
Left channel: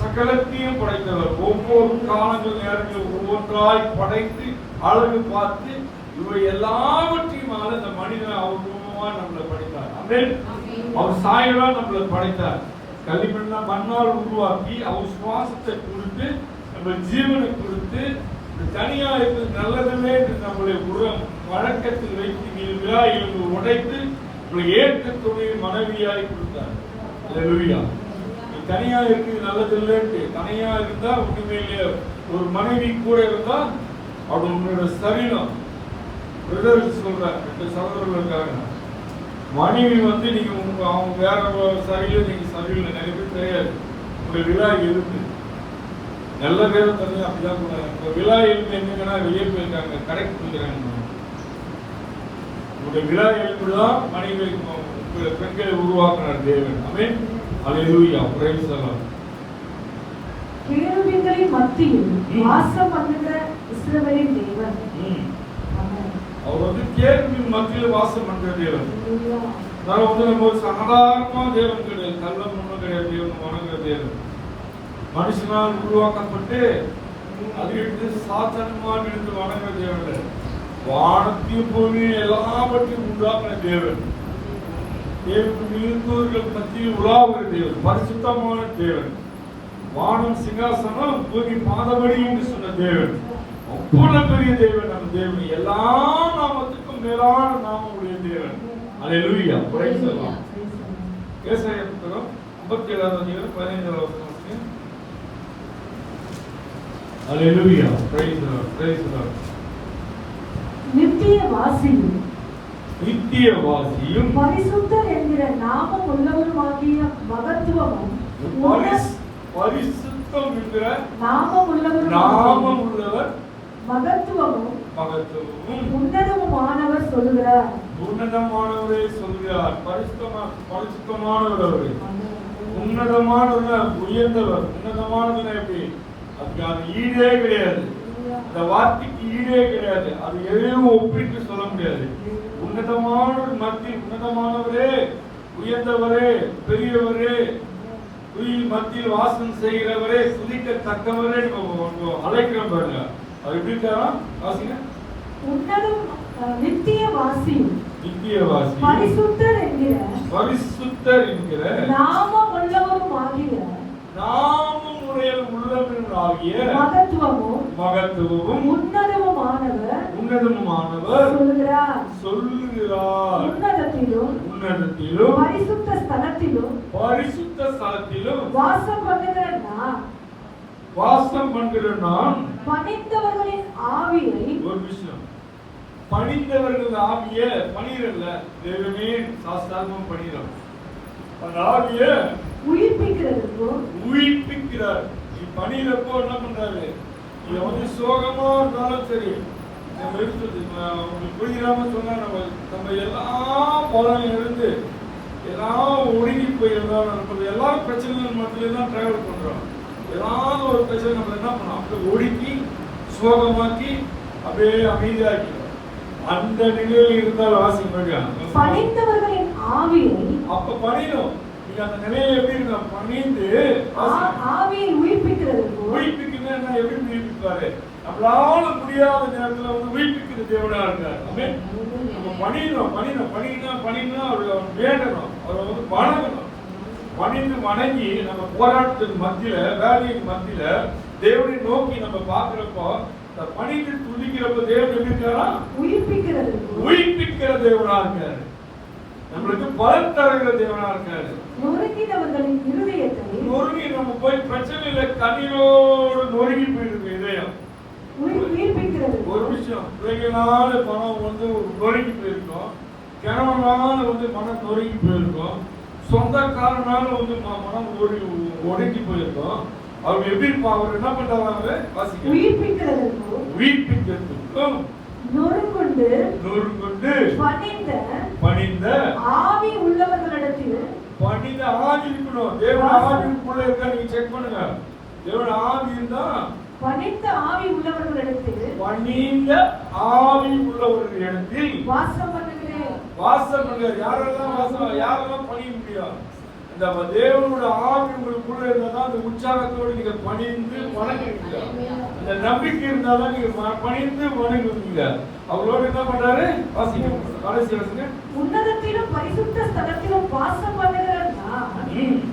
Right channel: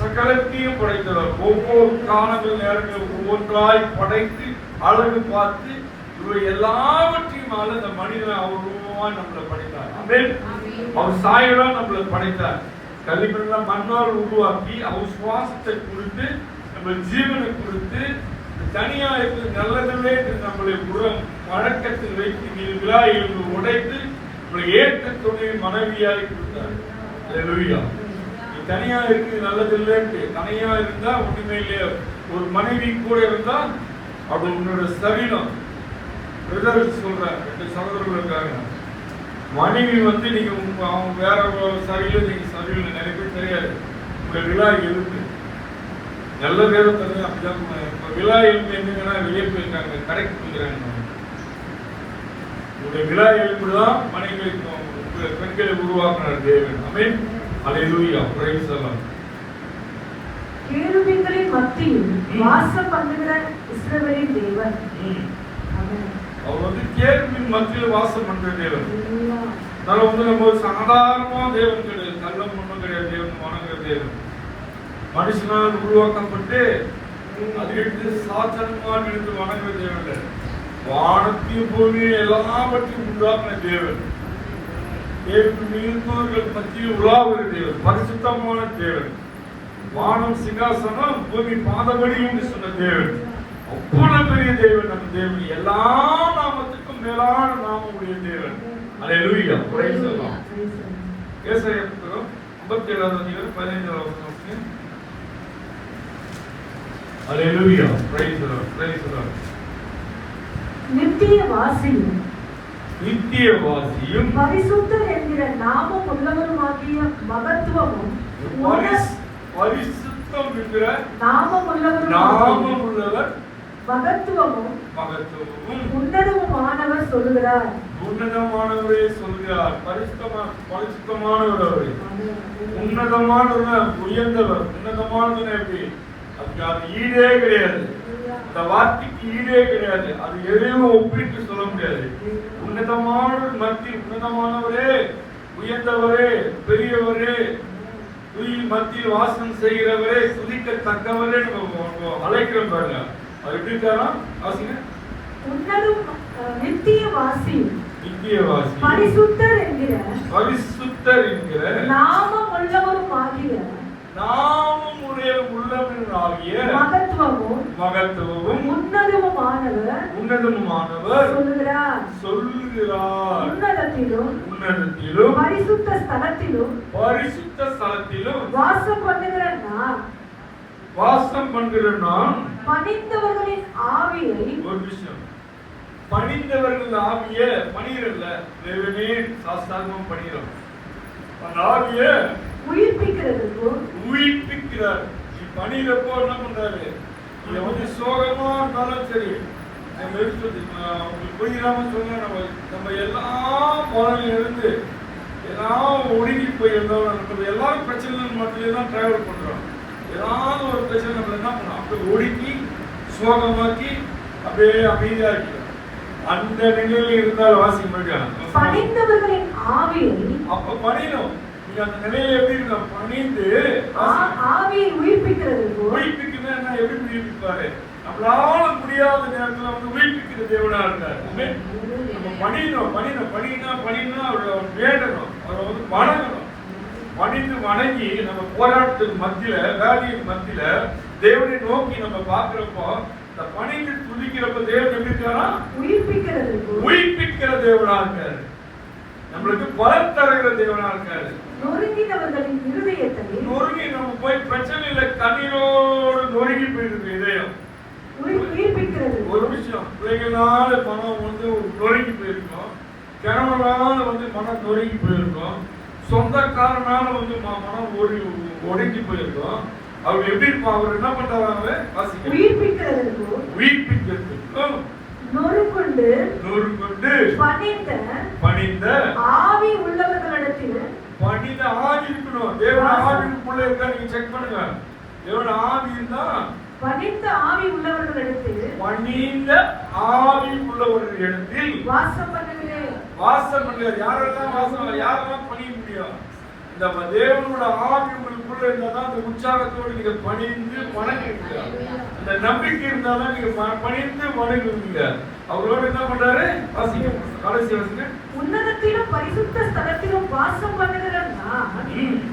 சகலத்தையும் படைத்தவர். ஒவ்வொரு காலங்கள் நேரங்கள் ஒவ்வொன்றாய் படைத்து அழகு பார்த்து இவை எல்லாவற்றையும் இந்த மனிதனை அவர் ரூபமாய் நம்மளை படைத்தார். ஆமென். அவர் சாயலா நம்மளை படைத்தார். களிமண்ணெல்லாம் மண்ணால் உருவாக்கி அவர் சுவாசத்தை கொடுத்து நம்ம ஜீவனை கொடுத்து தனியா இருப்பது நல்லதில்லை என்று நம்மளை வழக்கத்தில் வைத்து விழா எழுந்து உடைத்து நம்மளை ஏற்ற துணை மனைவியாய் கொடுத்தார். அல்லேலூயா. நீ தனியா இருக்குது நல்லதில்லை என்று தனியா இருந்தா ஒண்ணுமே இல்லையா. ஒரு மனைவி கூட இருந்தா அப்படி உன்னோட சரீரம் சொல்றாங்க. 2 சகோதரர்கள் இருக்காங்க. மனைவி நீங்க அவங்க வேற சரியில்லை, நீங்க சரியில்லை. நிறைய பேர் தெரியாது. உங்க விழா எலும்பு நல்ல பேரும் தெரிஞ்சு அப்படிதான் போனாங்க. இப்ப விழா எலும்பு என்னங்கன்னா வெளியே போயிருக்காங்க, கடைக்கு போயிருக்காங்க. உங்களுடைய விழா எலும்புதான் மனைவி பெண்களை உருவாக்கினார் தேவன். ஆமென். அல்லேலூயா. Praise the Lord. கேருபீன்களின் மத்தியில் வாசம் பண்ணுகிற இஸ்ரவேலின் தேவன். அவர் கேருபீன் மத்தியில் வாசம் பண்ற தேவன். நம்ம சாதாரணமா தேவன் கிடையாது, கள்ளம் ஒண்ணும் கிடையாது. தேவன் வணங்குற தேவன் மனுஷனால் உருவாக்கப்பட்டு அதிலிருந்து சாதாரணமாக இருந்து வணங்குற தேவன். வானத்தையும் பூமியும் எல்லாவற்றையும் உண்டாக்குன தேவன். தேவன் நீர்த்தோர்கள் மத்தியில் உலாவுகிற தேவன், பரிசுத்தமான தேவன். வானம் சிங்காசனம், பூமி பாதபடி என்று சொன்ன தேவன். அவ்வளவு பெரிய தேவன் நம்ம தேவன். எல்லா நாமத்துக்கும் மேலான நாமம் உடைய தேவன். அல்லேலூயா. Praise the Lord. ஏசாயா புத்தகம் 57வது அதிகாரம் 15வது வசனம். அல்லேலூயா. Praise the Lord. Praise the Lord. நித்தியவாசியும் பரிசுத்தர் என்கிற நாமம் உள்ளவருமாகிய மகத்துவமும் பரிசுத்தம் என்கிற நாமம் உள்ளவர் மகத்துவமும் உன்னதமானவர் சொல்லுகிறார். உன்னதமானவரே சொல்கிறார். பரிசுத்தமானவர் அவரே. உன்னதமானவர், உயர்ந்தவர். உன்னதமானவர் எப்படி? அதுக்கு ஈடே கிடையாது. அந்த வார்த்தைக்கு ஈடே கிடையாது. அது எதையும் ஒப்பிட்டு சொல்ல முடியாது. உன்னதமானவர் மத்தியில் உன்னதமானவரே, உயர்ந்தவரே, பெரியவரே, மத்தியில் வாசம் செய்கிறவரே, துதிக்கத்தக்கவரே அழைக்கிறோம் பாருங்க. அது எப்படி இருக்காரா? வாசிங்க. உன்னதம் நித்தியவாசியும் பரிசுத்தர் என்கிற நாமம் உள்ளவருமாகிய உள்ளவனாகிய மகத்துவமும் உன்னதமுமானவர் சொல்லுகிறார். உன்னதத்திலும் பரிசுத்த ஸ்தலத்திலும் வாசம் பண்ணுகிற நான் பணிந்தவர்களின் ஆவியை, ஒரு விஷயம், பணிந்தவர்கள் ஆவிய பணிரல்ல, தேவனே சாஸ்தாகமும் பணிறோம். அந்த ஆவிய உயிர்ப்பிக்கிறார். நீ பணியிறப்போ என்ன பண்றாரு? இதை சோகமா இருந்தாலும் சரி, நம்ம உங்களுக்கு புரியாம சொன்னா நம்ம எல்லாம் பலன் இருந்து எல்லாம் ஒடுங்கி போயிருந்தோம். நம்ம எல்லாரும் பிரச்சனைகள் மட்டும் தான் டிராவல் பண்றோம். ஏதாவது ஒரு பிரச்சனை நம்ம என்ன பண்ணோம்? அப்படியே ஒடுக்கி சோகமாக்கி அப்படியே அமைதியாக்கிறோம். அந்த நிலையில் இருந்தால் பணிந்தவர்களின் ஆவியை அப்ப பணியணும். நீங்க அந்த நிலையில எப்படி இருக்க? பணிந்து ஆவியை உயிர்ப்பிக்கிறது. உயிர்ப்பிக்கிறது எப்படி உயிர்ப்பிப்பாரு? நம்மளால முடியாத நேரத்துல உயிர்ப்பிக்கிற தேவனா இருக்காரு. நம்ம பணினா அவரை வேண்டணும், அவரை வணங்கணும். பணிந்து வணங்கி நம்ம போராட்டத்துக்கு மத்தியில, வேலையின் மத்தியில தேவனை நோக்கி நம்ம பாக்குறப்போ, இந்த பணிந்து துதிக்கிறப்ப தேவன் எப்படி இருக்காரா? உயிர்ப்பிக்கிற தேவனா இருக்காரு. நம்மளுக்கு பலன் தருகிற தேவனா இருக்காரு. நொறுங்கினவர்களின் இருதயத்தை நொறுங்கி நம்ம போய் பிரச்சனையில கண்ணீரோடு நொறுங்கி போயிருக்கு இதயம். ஒரு விஷயம், பிள்ளைகளால மனம் நொறுங்கி போயிருக்கோம், கிழவனால மனம் நொறுங்கி போயிருக்கோம், சொந்தக்காரனால மனம் ஒடுங்கி போயிருக்கோம். அவர் எப்படி இருப்பான்? அவர் என்ன பண்றாங்க? உயிர்ப்பிக்கிறதுக்கும் நொறுங்குண்டு பணிந்த ஆவி உள்ளவர்களிடத்தில் பணிந்த ஆவி இருக்கணும். தேவன் ஆவிக்குள்ள இருக்கா நீங்க செக் பண்ணுங்க. தேவன் ஆவி இருந்தா பணிந்த ஆவி உள்ளவர்களிடத்தில் வாசம் பண்ணுகிறேன். வாசம் பண்ணுங்க. யாரெல்லாம் பணிய முடியும்? இந்த தேவனோட ஆவி உங்களுக்குள்ள இருந்தா அந்த உற்சாகத்தோடு நீங்க பணிந்து வணங்குவீங்க. அந்த நம்பிக்கை இருந்தாதான் நீங்க பணிந்து வணங்குவீங்க. அவரோடு என்ன பண்றாரு? கடைசி வாசிங்க. உன்னதத்திலும் பரிசுத்த ஸ்தலத்திலும் வாசம் பண்ணுகிறேன்.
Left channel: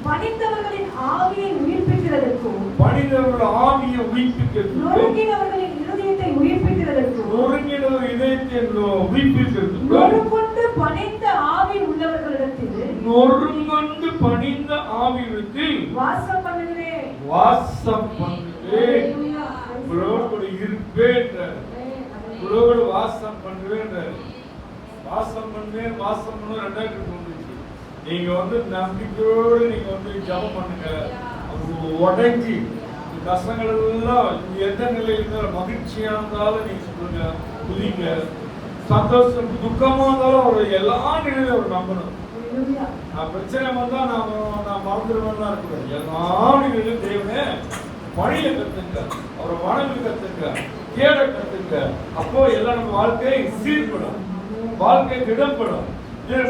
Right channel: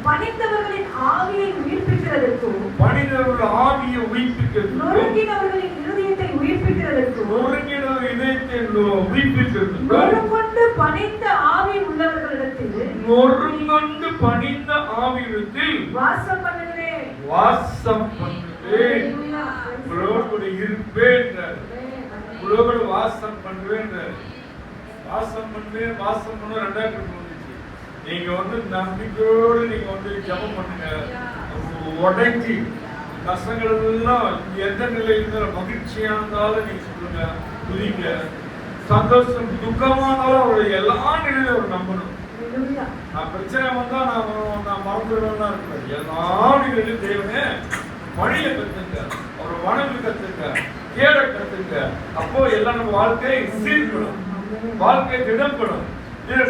பணிந்தவர்களின் ஆவியை உயிர்ப்பிக்கிறதற்கும் பணிந்தவர்கள் ஆவியை உயிர்ப்பிக்கிறதற்கும் நொறுங்கினவர்களின் இதயத்தை உயிர்ப்பிக்கிறதற்கும் நொறுங்கொண்டு பணிந்த ஆவி உள்ளவர்களிடத்தில் வாசம் பண்ணுகிறேன். உங்களோடு இருப்பேன். உங்களோடு வாசம் பண்ணுவேன். வாசம் பண்ணுவேன். வாசம் பண்ணுவேன். 2000 வந்துச்சு. நீங்க நம்பிக்கையோடு நீங்க ஜெபம் பண்ணுங்க. உடஞ்சி கஷ்டங்கள் எல்லாம் எந்த நிலையில இருந்தாலும் மகிழ்ச்சியா இருந்தாலும் நீங்க சொல்லுங்க, துதிங்க. சந்தோஷம் துக்கமா இருந்தாலும் அவருடைய எல்லா நிலையிலும் அவர் நம்பணும். பிரச்சனை வந்தா நான் மறந்துடுவேன் இருக்கிறேன். எல்லா நிலையிலும் தேவனே பணிய கத்துங்க, அவரை வணங்க கத்துங்க, கேட கத்துங்க. அப்போ எல்லாம் நம்ம வாழ்க்கை சீர்படும், வாழ்க்கை திடப்படும்.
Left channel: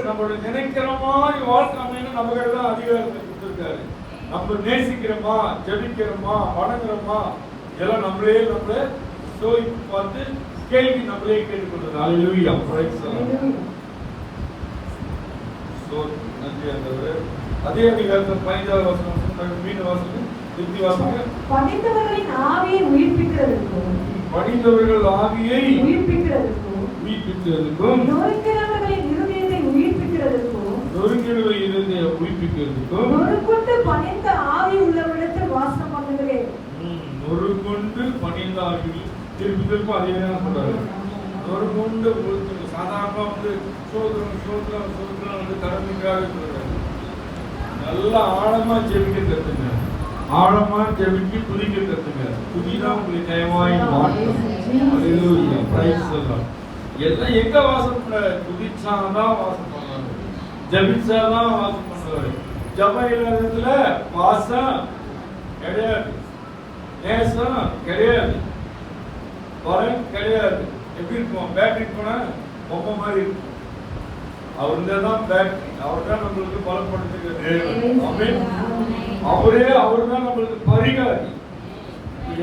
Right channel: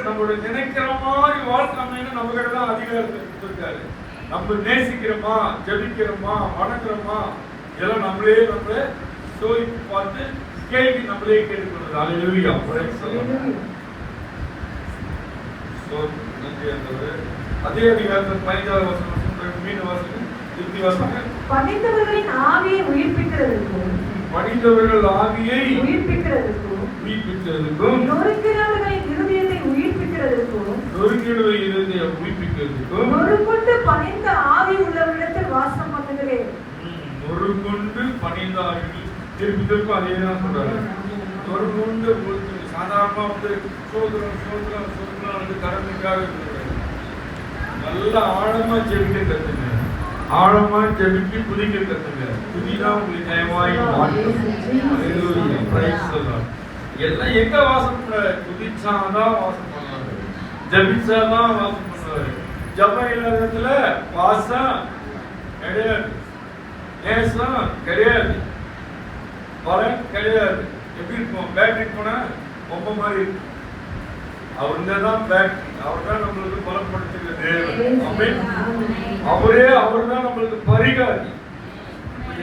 நம்மளுடைய நினைக்கிற மாதிரி வாழ்க்கை அமைன்னு நம்ம கிட்ட தான் அதிகாரத்தை கொடுத்திருக்காரு. நம்ம நேசிக்கிறோமா, ஜெபிக்கிறோமா, வணங்குறோமா, எல்லாம் நம்மளே சோதித்து பார்த்து கேள்வி நம்மளே கேட்டுக்கொண்டது. அல்லேலூயா. அதிகாரம் 15வது வசனம் மீன் வாசகம் திருப்பி வாசகம். பணிந்தவர்களின் ஆவியை உயிர்ப்பிக்கிறதற்கும் பணிந்தவர்கள் ஆவியை உயிர்ப்பிக்கிறதற்கும் நொறுங்கினவர்களின் இருதயத்தை உயிர்ப்பிக்கிறதற்கும் நொறுங்குண்டு பணிந்த ஆவி உள்ளவரிடத்தில் வாசம் பண்ணுகிறேன். நொறுங்குண்டு பணிந்த ஆவி திருப்பி திருப்பி அதே தான் சொல்றாரு. நொறுங்குண்டு சாதாரணமா சோதனை கடமைக்காக சொல்றாரு. நல்லா ஆழமா ஜெபிக்க கத்துங்க, ஆழமா ஜெபிச்சு புதிக்க கத்துங்க. புதிதான் உங்களுக்கு ஜெயமாய் மாற்றும். எல்லாம் எங்க வாசம் பண்ணாரு? புதிச்சாதான் வாசம் பண்ணுவாரு, ஜபிச்சாதான் வாசம் பண்ணுவாரு. ஜப இல்லாததுல வாசம் கிடையாது, நேசம் கிடையாது, பலன் கிடையாது. எப்படி இருக்கும்? பேட்டரி போனா பொம்மை மாதிரி இருக்கும். அவர்தான் பேட்டரி, அவர் தான் நம்மளுக்கு பலப்படுத்துகிற தேவன். அவர் தான் நம்மளுக்கு பரிகாரி.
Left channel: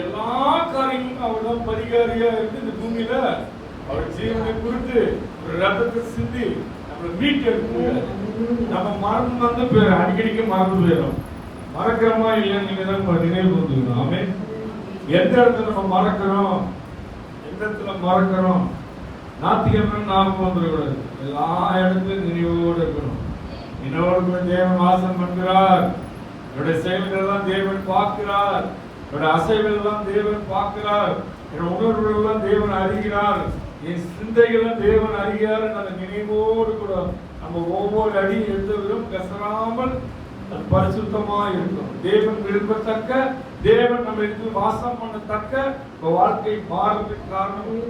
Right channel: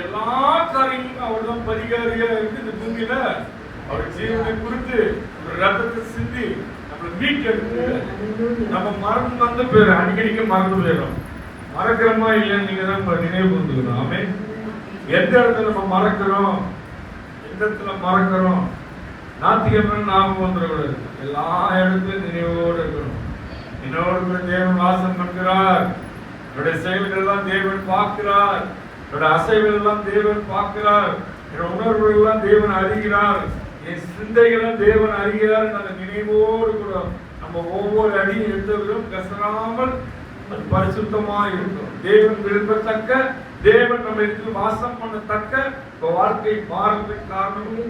எல்லா காரியங்களுக்கும் அவர் தான் பரிகாரியா இருக்கு. இந்த பூமியில அவர் ஜீவனை குறித்து ஒரு ரத்தத்தை சிந்தி நம்மளை மீட்டெடுத்து நம்ம மறந்து வந்து போயிடும். அடிக்கடிக்கு மறந்து போயிடும். மறக்கிறோமா இல்லைன்னு நீங்க தான் நினைவு கொண்டுக்கணும். ஆமே. எந்த இடத்துல நம்ம மறக்கிறோம், எந்த இடத்துல மறக்கிறோம், ஞாயிற்றுக்கிழமை ஞாபகம் வந்துடக்கூடாது. எல்லா இடத்துலயும் நினைவோடு இருக்கணும். என்னோடு தேவன் வாசம் பண்ணுகிறார். என்னுடைய செயல்கள் எல்லாம் தேவன் பார்க்கிறார். என்னுடைய அசைவுகள் எல்லாம் தேவன் பார்க்கிறார். என்னுடைய உணர்வுகள் எல்லாம் தேவன் அறிகிறார். என் சிந்தைகளும் தேவன் அறிகிறார். அந்த நினைவோடு கூட நம்ம ஒவ்வொரு அடியும் எடுத்தவர்களும் கசராமல் பரிசுத்தமா இருக்கும். தேவன் விரும்பத்தக்க, தேவன் நம்மளுக்கு வாசம் பண்ணத்தக்க வாழ்க்கை மாறதுக்கு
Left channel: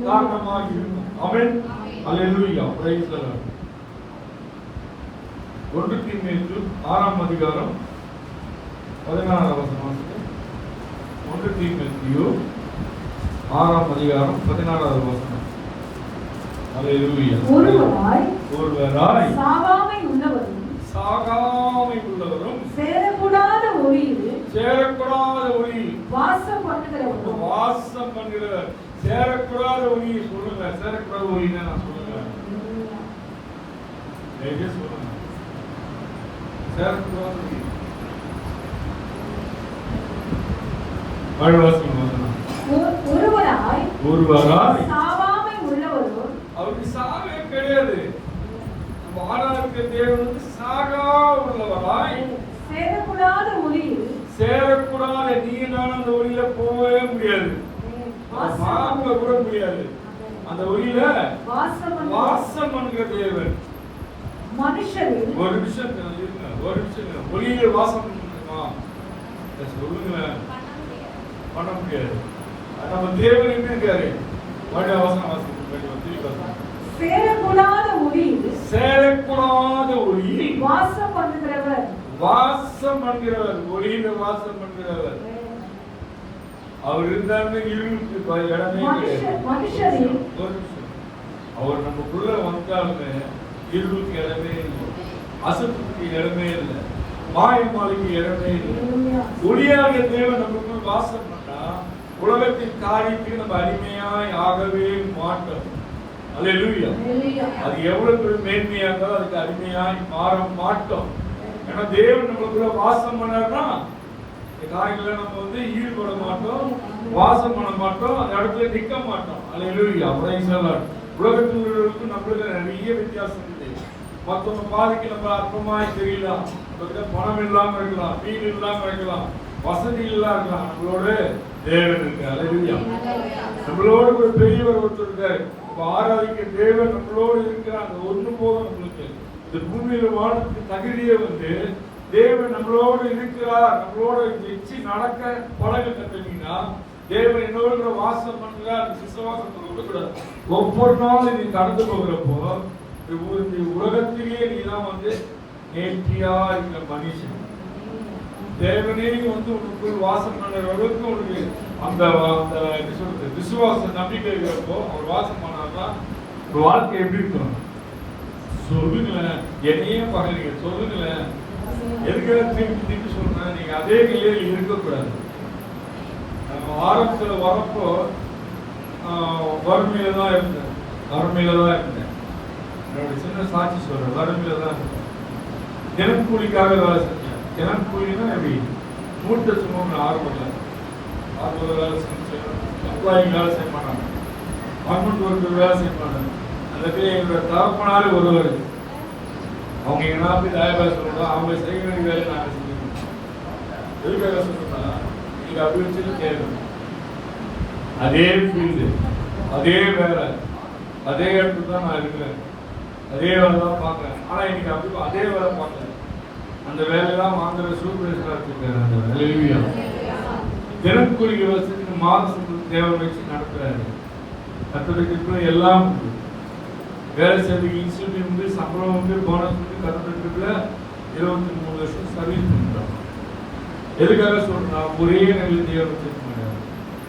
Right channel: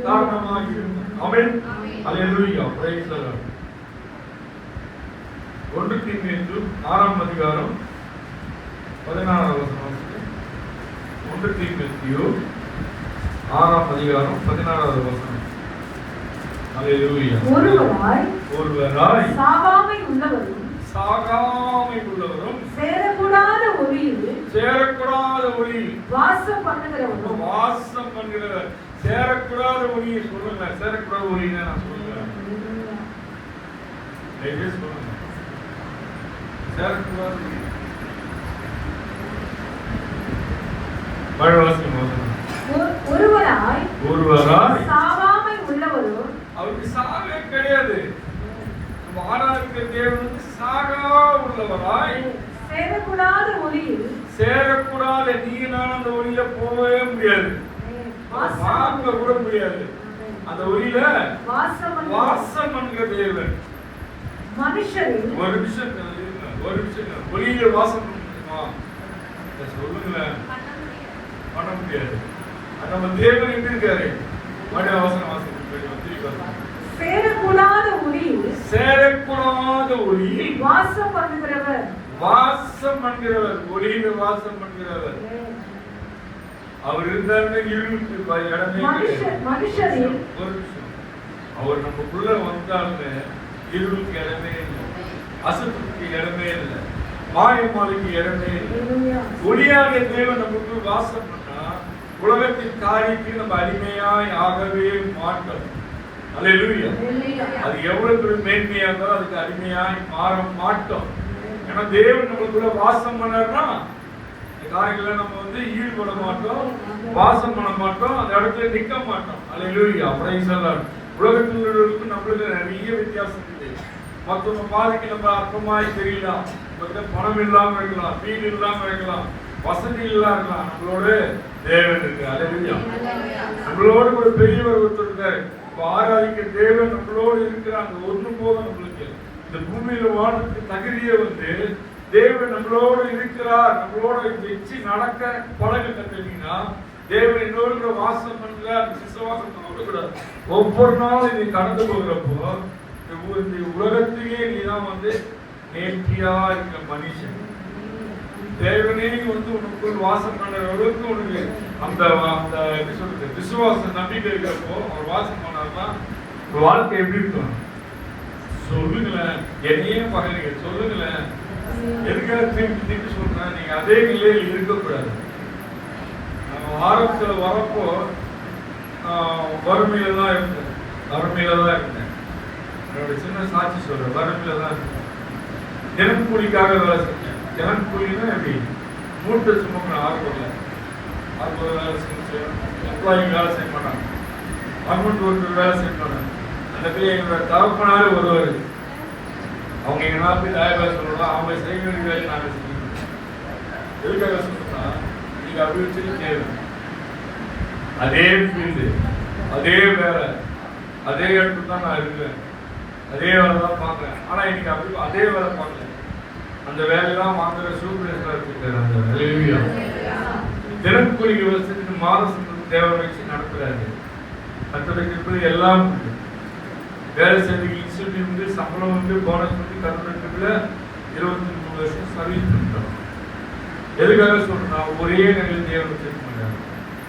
காரணமாக இருக்கும். ஆமென். அல்லேலூயா. Praise the Lord. 1 தீமோத்தேயு 6ஆம் அதிகாரம் 16வது வசனம். 1 தீமோத்தேயு 6ஆம் அதிகாரம் 16வது வசனம். அல்லேலூயா. ஒருவராய் சாகாமை உள்ளவரும் சேரக்கூடாத ஒளியில் வாசம் பண்ணுகிறவர். சேரக்கூடாத ஒளியை சொல்லுங்க. சேரக்கூடாத ஒளின்னா நான் சொல்லுங்க. சொல்லுங்க. சேரக்கூடாத ஒளி. ஒருவராய் சாவாமை உள்ளவரும். அவருக்கு சாவே கிடையாது. நம்ம ஆராதிக்கிற தேவன் சாகா உள்ளவராய் சேரக்கூடாத ஒளியில். சேரக்கூடாத நீ நான் அந்த ஒளியில போகவே முடியாது, பார்க்க கூட முடியாது. அந்த ஒளியில வாசம் பண்ணுகிற தேவன். மனுஷரில் ஒரு விஷயம் ஒளியில வாசம் சொல்லுங்க, பண்ண முடியாது. நம்ம தேவன் எப்படி இருக்காரு? மனித வாசனம் வாசிக்க சேரக்கூடாத ஒளியில் சேரக்கூடாத ஒளியில் வாசம் பண்ணுகிறவர் ஒளியில வாசம் பண்ணுகிறவர். அவர் இருந்தாருன்னு இருளுக்கு இடமே மனுஷரில் ஒரு நிமிஷம். அவர் நமக்குள்ள வந்தாலுமே இருளுக்கு இடமே இல்லை, அசத்துக்கு இடமே இல்லை, மாயமாலைக்கு இடமே இல்லை. ஒளியாக தேவன் நமக்குள் வாசம் பண்ணா உலகத்தின் காரியத்தில் நம்ம அடிமையாய் ஆகவே மாட்டோம். அல்லேலூயா. அது எவ்வளவு பெரிய மேன்மையா இருந்தாலும் அதுக்கு அடிமையாய் மாற மாட்டோம். ஏன்னா தேவன் நமக்குள்ள வாசம் பண்ணா இந்த காரியங்களை நம்ம ஈடுபட மாட்டோம், வாசம் பண்ண மாட்டோம், அந்த இடத்துல நிக்க மாட்டோம். அல்லேலூயா. Praise the Lord. உலகத்தில் உள்ளவர்களுக்கு நம்மளுக்கு நிறைய வித்தியாசம் இருக்கு. மற்றவங்க பாதிக்கு நம்ம அற்பமாய் தெரியலாம், பணம் இல்லாம இருக்கலாம், வீடு இல்லாம இருக்கலாம், வசதி இல்லாம இருக்கலாம், நம்மளோட தேவன் இருக்கு. அல்லேலூயா. நம்மளோட ஒரு பெரியவர் ஒருத்தர் இருக்காரு. ஆராதிக்க தேவன் நம்மளோடு இருக்கிறாங்க. ஒன்று போதும் நம்மளுக்கு. இந்த பூமியில வாழ்றதுக்கு தகுதியை தேவன் நம்மளோடு இருக்கிறார். நம்மளோட வச்சு நடக்க பழக கத்துனீங்கன்னா தேவன் என்னோட வாசம் பண்றார். விசுவாசத்தோடு கூட ஒவ்வொரு நாளும் நீ கடந்து போகிறப்போ இந்த உலகத்திலேயே நீதான் நேர்த்தியா இருக்கிற மனுஷன். தேவனே உனக்குள் வாசம் பண்ணுற அளவுக்கு உனக்கு அந்த எப்படி சொல்றது விசுவாச நம்பிக்கை இருக்கிறப்போ அவர் வாசம் பண்ணாதான் வாழ்க்கை எப்படி இருக்கும் சொல்லுங்களேன். என்னையும் பகலிங்க சொல்லுங்களேன். எதுக்காக திருப்பி சொல்றேன், நீங்க அதே நிலையில் இருக்கக்கூடாது. ஆரம்பத்துல வரப்போ வறுமையில தான் இருந்தேன். என்னோட சின்ன சாட்சி சொல்றேன். வறுமையில தான் இருந்தேன். தினக்கூலிக்காக வேலை செஞ்சேன். தினக்கூலின்னா எப்படி மூட்டை சுமங்க ஆர்வத்தில் வேலை செஞ்சேன். எம்ப்ளாயிங் வேலை செய்ய மாட்டாங்க, கவர்மெண்ட் ஒர்க்கர் வேலை செய்ய மாட்டாங்க. அந்த பேர் எங்களோட தகப்பனாலே ஒருவர். அவங்க எங்க நாட்டு தயாரிப்பாக சொல்லலாம். அவங்க செய்ய வேண்டிய வேலை நாங்கள் செஞ்சுக்கணும். எதுக்காக சொல்லணும்னா நீங்க அபிவிருத்தி தேவை. அதே ஃபீல்டு, அதே வேலை, அதே இடத்துல தான் நான் இருக்கிறேன். அதே வேலை தான் பார்க்குறேன். ஆனா இன்னைக்கு அதே வேலை பார்க்கல. அந்த வேலையெல்லாம் வாங்குற சூப்பர்வைசரா இருக்காரு. தினக்கூலி விவசாயத்துக்கு மாத சம்பளம் தேவை வச்சு நடத்துறாரு. கத்தோலிக்க எல்லாம் வேலை செய்யற இன்ஸ்டியூட் சம்பளம் போனஸ் கத்தோலிக்கல 23 வருஷம் சர்வீஸ் பண்ணிட்டோம். எதுக்காக சொல்றேன்னா ஒரே நிலையில் தேவை வச்சிருக்க மாட்டாங்க.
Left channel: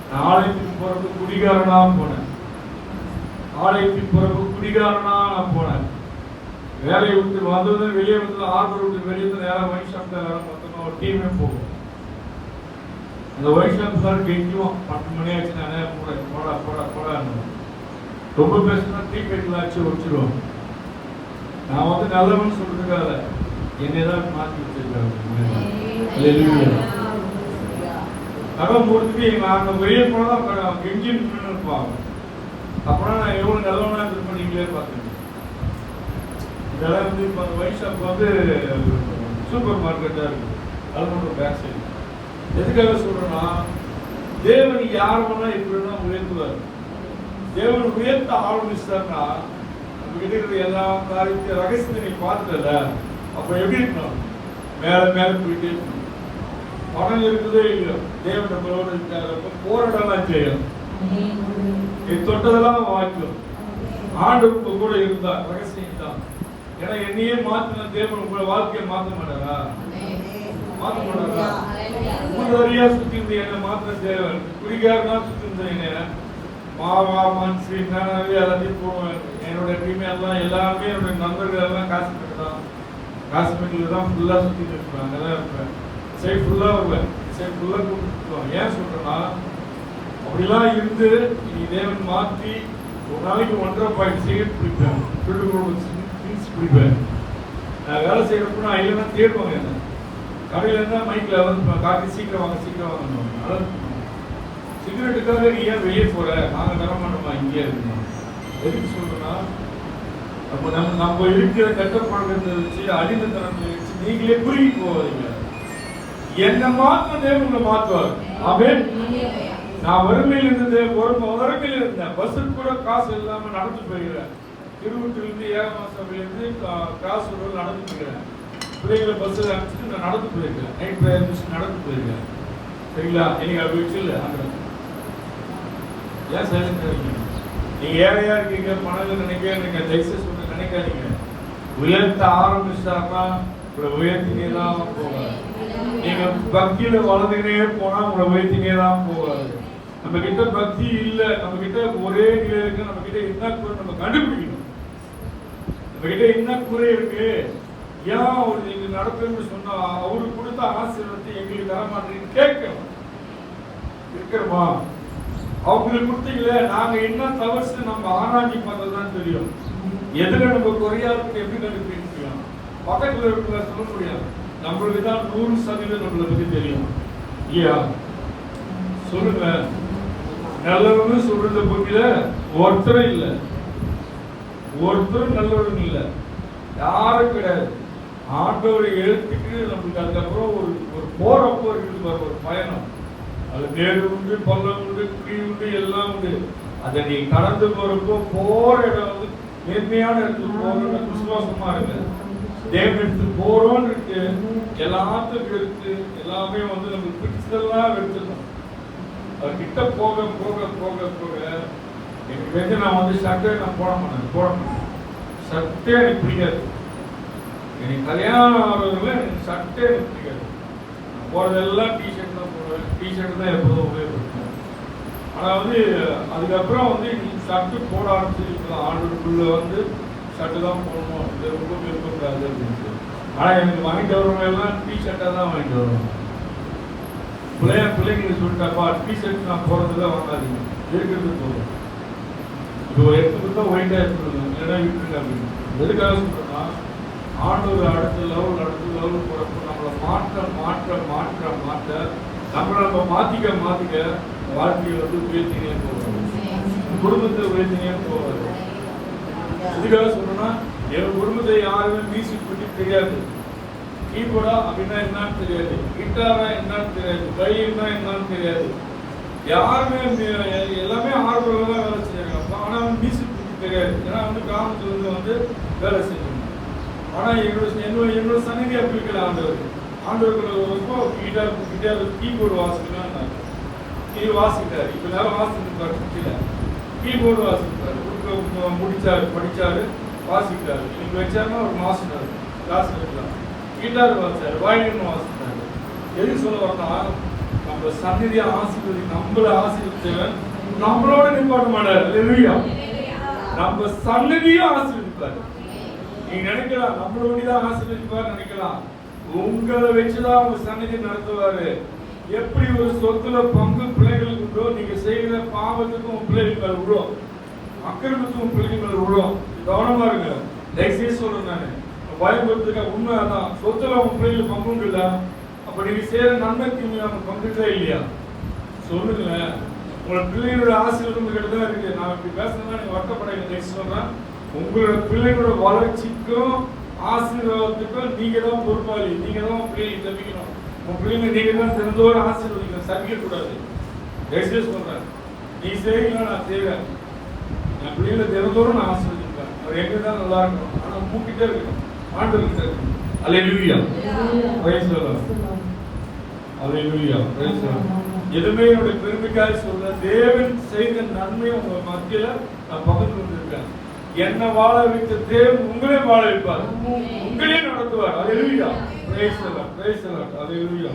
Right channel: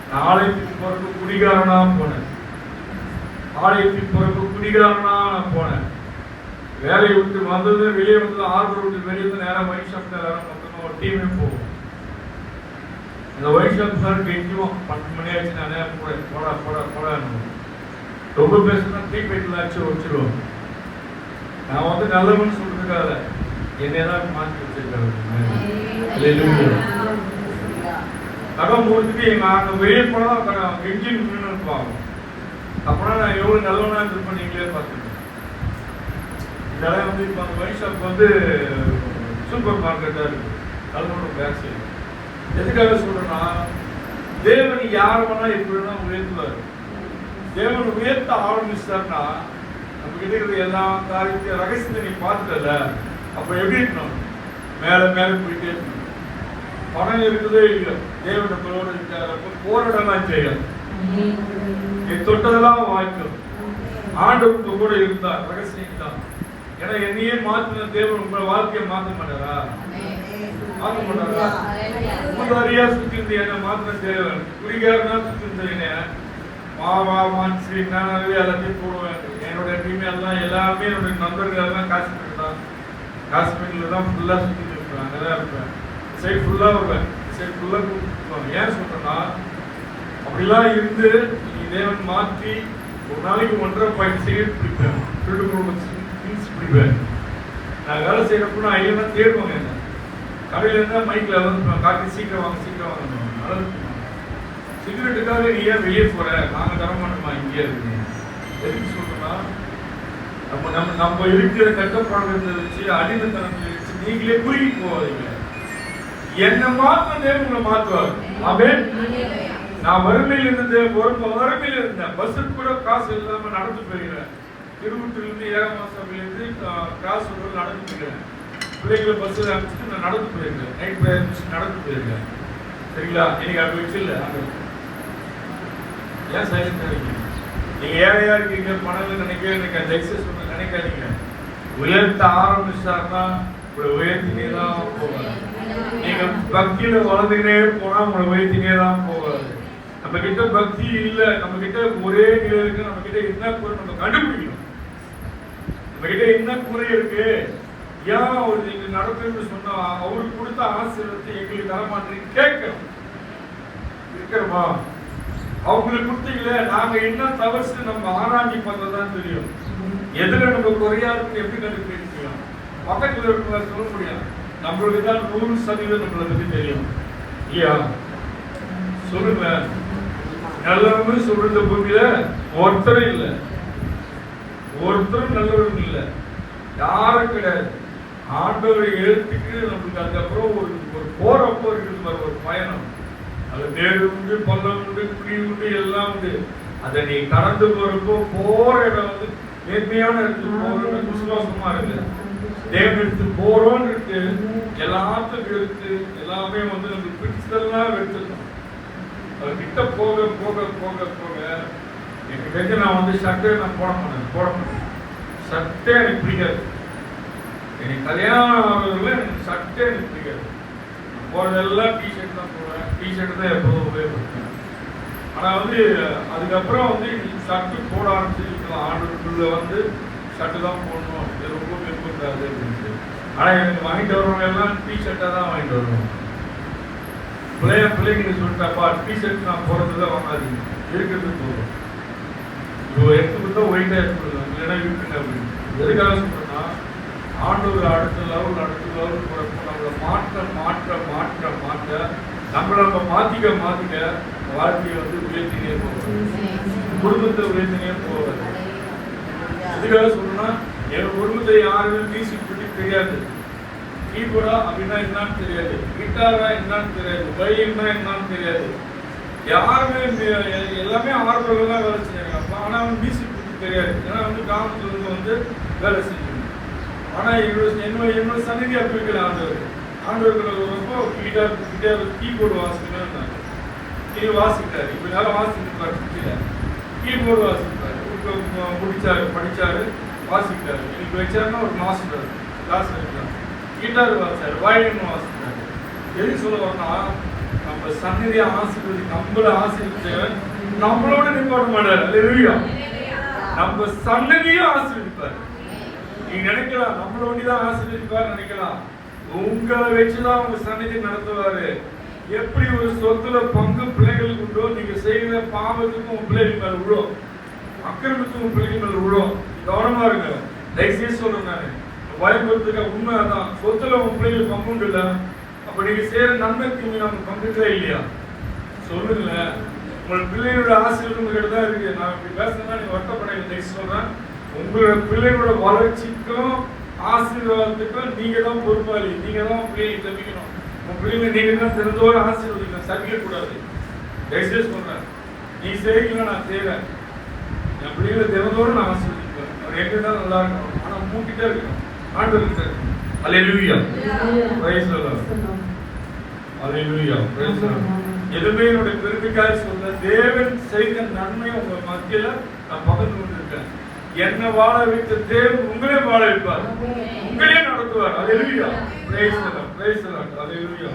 நான் ஆலயத்துக்கு போறப்ப குடிகாரனா போனேன். நான் போனேன். வேலையை விட்டு வந்தது வெளியே வந்து ஆர்டர் விட்டு வெளியே வந்து நேரம் ஒயின் ஷாப் நேரம் மொத்தமாக ஒரு டீமே போகும். இந்த ஒயின் ஷாப் சார் கெஞ்சுவோம் 10 மணி ஆச்சு. நானே போடா ரொம்ப பேசுனா ட்ரீ பெயிட்லாம் வச்சிருவோம். நான் நல்லவன்னு சொல்றதுக்காக என்னதான் மாற்றி வச்சிருக்காங்க. அதான் முடிச்சுட்டு அங்க வெளியே போனா கெஞ்சி இருப்பாங்க. அப்புறம் நான் எவ்வளவு நல்லவனா இருப்பேன் நீங்களே பார்த்துருக்கேன். இதெல்லாம் இப்ப அந்த ஒயின் ஷாப் சூப்பர் மார்க்கெட்டா இருக்கு. அதனோட பேக் சைடு. எதுக்காக சொல்றேன்னா தேவன் யார் வேணா எப்படின்னா உயர்த்துவார். தேவன் உயர்த்த ஆரம்பிச்சார்னா நம்ம கிட்ட இருக்கிற எல்லா காரியத்தை ரகசியத்தை நீ பார்த்துல அப்ப எப்படி இருக்கணும்? மேல போயிட்டே இருக்கணும். பணம் இருக்குதே இல்லையோ தேவன் நம்மளோட இருக்கிறப்ப போராடலாம் செய்யும். நீ தொட்டதெல்லாம் வாய்க்கும். ஆண்டவருக்கு கூட இருந்தா ரகசியம் தான். ஏன்னா என்னையே மாத்தின தேவன் உங்களை வாழ்க்கையை மாற்ற மாட்டாரா? முன்னறியா சுத்தி இருந்த என்ன மாத்தின தேவன் குடிகாரனா சுத்தி இருந்த என்ன மாவா மனுஷி நானே எல்லாத்தையும் போடுவேன். என்னோட டீம் எல்லாம் எல்லாமே என்னோட நண்பர்கள் எல்லாம் காஷ்மீர் தான். காஷ்மீர்ல தான் ஃபுல்லா சுத்தி இருப்பேன். அங்கதான் இருப்பேன். சைட் ஃபுல்லா வருவேன். சைட் ஃபுல்லா கூப்பிட்டு ஏன் சொல்றேன்னா அப்படிலாம் இருந்து நீ தேவன் மாற்றி ஒரு நாளைக்கு 1.5 சிகரெட் பிடிப்பேன். பிடிப்பேன். நான் வேலை செய்யறப்ப நான் எல்லாம் தேடுவாங்க. என்ன கடையில இருந்தா மைக்ல காட்டி சீக்கிரம் வாங்க. சிகரெட்டுக்காக நீ ஏன் வெளியே போற? நாங்க தர மாட்டோமா? இங்கே இருக்கணும். எதுக்கு சொல்றேன்னா நம்ம இருக்கிற கட்டப்பாடுறத வச்சு அடிமைத்தனத்தை வச்சு நீங்களே குறுகி போவாதீங்க. என்ன மாற்ற தேவங்களை மாற்றுவாங்க. ஆமென். நான் வறுமையில் இருந்தேன். பஸ்ஸுக்கு கூட காசு இல்லாம நடந்து போயிருக்கேன். திருவூட்டிலிருந்து ஏகமாசவிலிருந்து காசு நடந்து போயிருக்கேன். பிள்ளைங்களை பஸ் அனுப்பிச்சுட்டு நான் நடந்து போயிருக்கேன். நைட் பிரேயர் முடிச்சு நடந்து போயிருக்கேன். சரிங்களா? எனக்கு அப்படி வச்சு இல்லை. ஏன் சைலண்ட் இருக்கீங்க? நீங்க ஏழையா இருக்கீங்க, பணம் நினைக்க நினைக்காதீங்க. உயர்த்த ஆரம்பிச்சாருன்னா உங்களை உயர்த்தினே தான் போவாரு. நீங்க பக்தியில வளர்ந்துக்கிட்டே போனா உங்களை உயர்த்தினே தான் போவாரு. நம்ம கிட்ட பக்தி இல்ல, நம்ம கிட்ட ஒரே நிலை இருக்கு. நம்ம கிட்ட என்ன குறை நம்ம கண்டுபிடிக்கணும். நம்ம கிட்ட என்ன குறை இருக்கு, ஏன் அவர் நீங்க நடத்துன்னு சொன்னா அவருக்கு கொடுத்த ஆசீர்வாதத்தை எங்களுக்கு தர மாட்டேன்னு கேட்கணும். இருக்கிறோமா? அவங்களுக்கு கொடுத்தீங்களே, நாங்க என்ன தவறு நம்ம ஆராய்ச்சி பார்த்ததான் தெரியும். எதுல நம்ம குறையா இருக்கு எப்படி கண்டுபிடிக்கலாம். பக்கத்துல இருக்கிற சொல்ல முடியாது. நம்மளுக்கு தான் 100% நம்மளை பத்தி தெரியும். ஐயா சொல்லுங்க, நல்லவங்க சொல்ற பூமியில ஒருத்தரும் இல்லை, ஒருத்தரும் நல்லவரும் இல்லை, யாரும் கிடையாது. ஆண்டவரை எழுத்துக்கு நம்மளுக்கு அதுக்கப்புறம் ஒரு போறப்போ இருக்குது ஒரு பயணம். அது மேடு உண்டு, பள்ளம் உண்டு, குழி உண்டு, எல்லாம் உண்டு. அதை நீ கடந்து போறப்போ போற இடம் வந்து நேர்மையான இடத்துக்கு போறோம்னு விசுவாசமா இருக்கு. தேவன் எடுத்து போறோம்னு இருக்கு. எல்லாத்துக்கும் எடுத்து எல்லாமே வந்து நம்மளுக்கு பிடிச்சதெல்லாம் எடுத்துக்கணும். அது கிட்ட போக போக போக போக எனக்கு தெரிஞ்சு நான் வந்து சட்டை நான் போட மாட்டேன். சட்டை எனக்கு பிடிக்காது. எனக்கு கல்யாணம் ஆகிறதுல எனக்கு சட்டை எனக்கு பிடிக்காது. போறதெல்லாம் டிஷர்ட் தான் போடுவேன். டிஷர்ட் தான் எப்போதும் உபயோகப்படுத்துவேன். ஆனா வந்து அதுக்கப்புறம் வந்து ஷர்ட்டு போட ஆரம்பிச்சிருக்கலாம். ஆண்டுக்குள்ள வந்து ஷர்ட்டு தான் போடணும், இது ரொம்ப விருப்பக்கூடாது அப்படின்ட்டு. ஆனா எனக்கு வாங்கிட்டு வரவங்க எல்லாம் டிஷர்ட்டா தான் வாங்கிட்டு வரணும். பிள்ளைங்க சொல்லிட்டாப்பா டிஷர்ட் நான் போறதுல வாங்காதீங்க, இருக்கிறது போதும். இப்போ எடுத்துக்கிட்டா ஒயிட்டா எடுத்துக்கலாம், இல்லைன்னா இருக்குங்க அப்படின்னு. எதுக்காக சொல்றேன்னா ஆண்டவர் அடுத்த லெவல் போறப்போ நம்மளை மாற்ற நம்மளை நம்ம மாத்திக்க வாழ்க்கையை வந்து உயர்த்தினே போவாரு, குடும்பத்தை உயர்த்தினே போவாரு. எதுக்காக சொல்லணும்னா என் குடும்பத்தை யாருமே மியூசிக் பற்றி தெரியாது. கீபோர்டா அப்படின்னா என்னன்னு தெரியாது, கிட்டாரா என்னன்னு தெரியாது, பையன்னா என்னன்னு தெரியாது. யாருமே எல்லாமே ஆர்வம் தான் வேலை செய்யறாங்க. ஆனா மியூசிக் பற்றி தெரியாது. ஏன்னா வந்து கிராமத்துல வந்து வேலை செய்யணும். ஆனா என்னோட சன்னதி அப்படி இருக்கல. ஆண்டவர்கள் ரொம்ப கிட்டார் கீபோர்டு வாசிக்கணும் வாசிக்கிறாரு. இப்ப நேரம் வாசிக்கிட்டு கீபோர்டு வாசிக்கிறாரு, படிச்சாரு வாசிக்கிறாரு. இன்னைக்கு வச்சாருன்னா ஒரு மாஸ்டர் கிளாஸ் எடுக்கிறார். கிட்டார் வாசிச்சாரு, வயலின் வாசிக்கிறாரு. எதுக்கு சொல்ல வரனா நம்ம சன்னதியை ஆசீர்வதி நம்மள ஆசீர்வதிச்சவன் நம்மளோட நிப்பாட்ட மாட்டாரு. நம்ம சன்னதியும் ஆசீர்வதிப்பாரு. நீங்க நினைக்கலாம் நம்மளோடதான் ஆசீர்வதிப்பாரு நினைக்கலாம். உங்களை வச்சுதான் உங்க சன்னதி நடத்துவாரு. எப்படி ஒரு சொத்துல பங்கு பிள்ளைகளுக்கு உண்டோ, நீங்க செய்கிற பாவத்துக்கும் உங்க பிள்ளைகள் மேல விழும், அக்கிரமத்துக்கும் உங்க பிள்ளைகள் மேல விழும். கவனமா இருங்க. தயவுசெய்து சொல்றேன் நானு, பயன்படுத்துக்க உண்மை அதான். சொத்துல உங்க பிள்ளைகள் பங்கு உண்டு இல்ல, அப்ப நீங்க செய்யற நன்மைக்கு அவங்க பங்குக்கா இல்லையா சொல்லுங்களேன். உங்களோட பிள்ளைகளோட ஆசீர்வாதம் கிட்ட தான் இருக்கு. நான் இப்படி பேசுறேன்னா நீங்க வருத்தப்படாதீங்க. தயவுசெய்து சொல்றேன், உங்களோட பிள்ளைகளோட வளர்ச்சிக்கும் ஆசீர்வாதத்துக்கும் நீங்க தான் பொறுப்பாளி. நீங்க தான் பிள்ளைகளை தப்பிக்கணும். உங்க பிள்ளைங்க நீங்க தான் திறந்தோடு ஆசீர்வதிக்கணும், சகிக்க கூடாது. தயவுசெய்து சொல்றேன், நீ செய்வீங்க நான் செய்வேன். என் பிள்ளைகளை திறந்தோடு நான் ஆசீர்வதிப்பேன். அது எங்க தான் நல்லா இருக்கணும். ஆனா மூக்கிட்டே இருக்கணும், ஆண்டவர்கிட்ட இருக்கணும். அல்லேலூயா, பிரைஸ் தி லார்ட். அல்லேலூயா, பிரைஸ் தி லார்ட். எதுவுமே என்னோட பெருமைக்காக சொல்ல, தேவன் செய்த நன்மை உங்க மத்தியில நான் பகிர்ந்து கொண்டிருக்கேன். என்ன வாழ வைத்த தேவன் உங்களே வாழ வைப்பார், உங்களே நடத்துவார். அல்லேலூயா, praise the Lord, praise the Lord. அல்லேலூயா.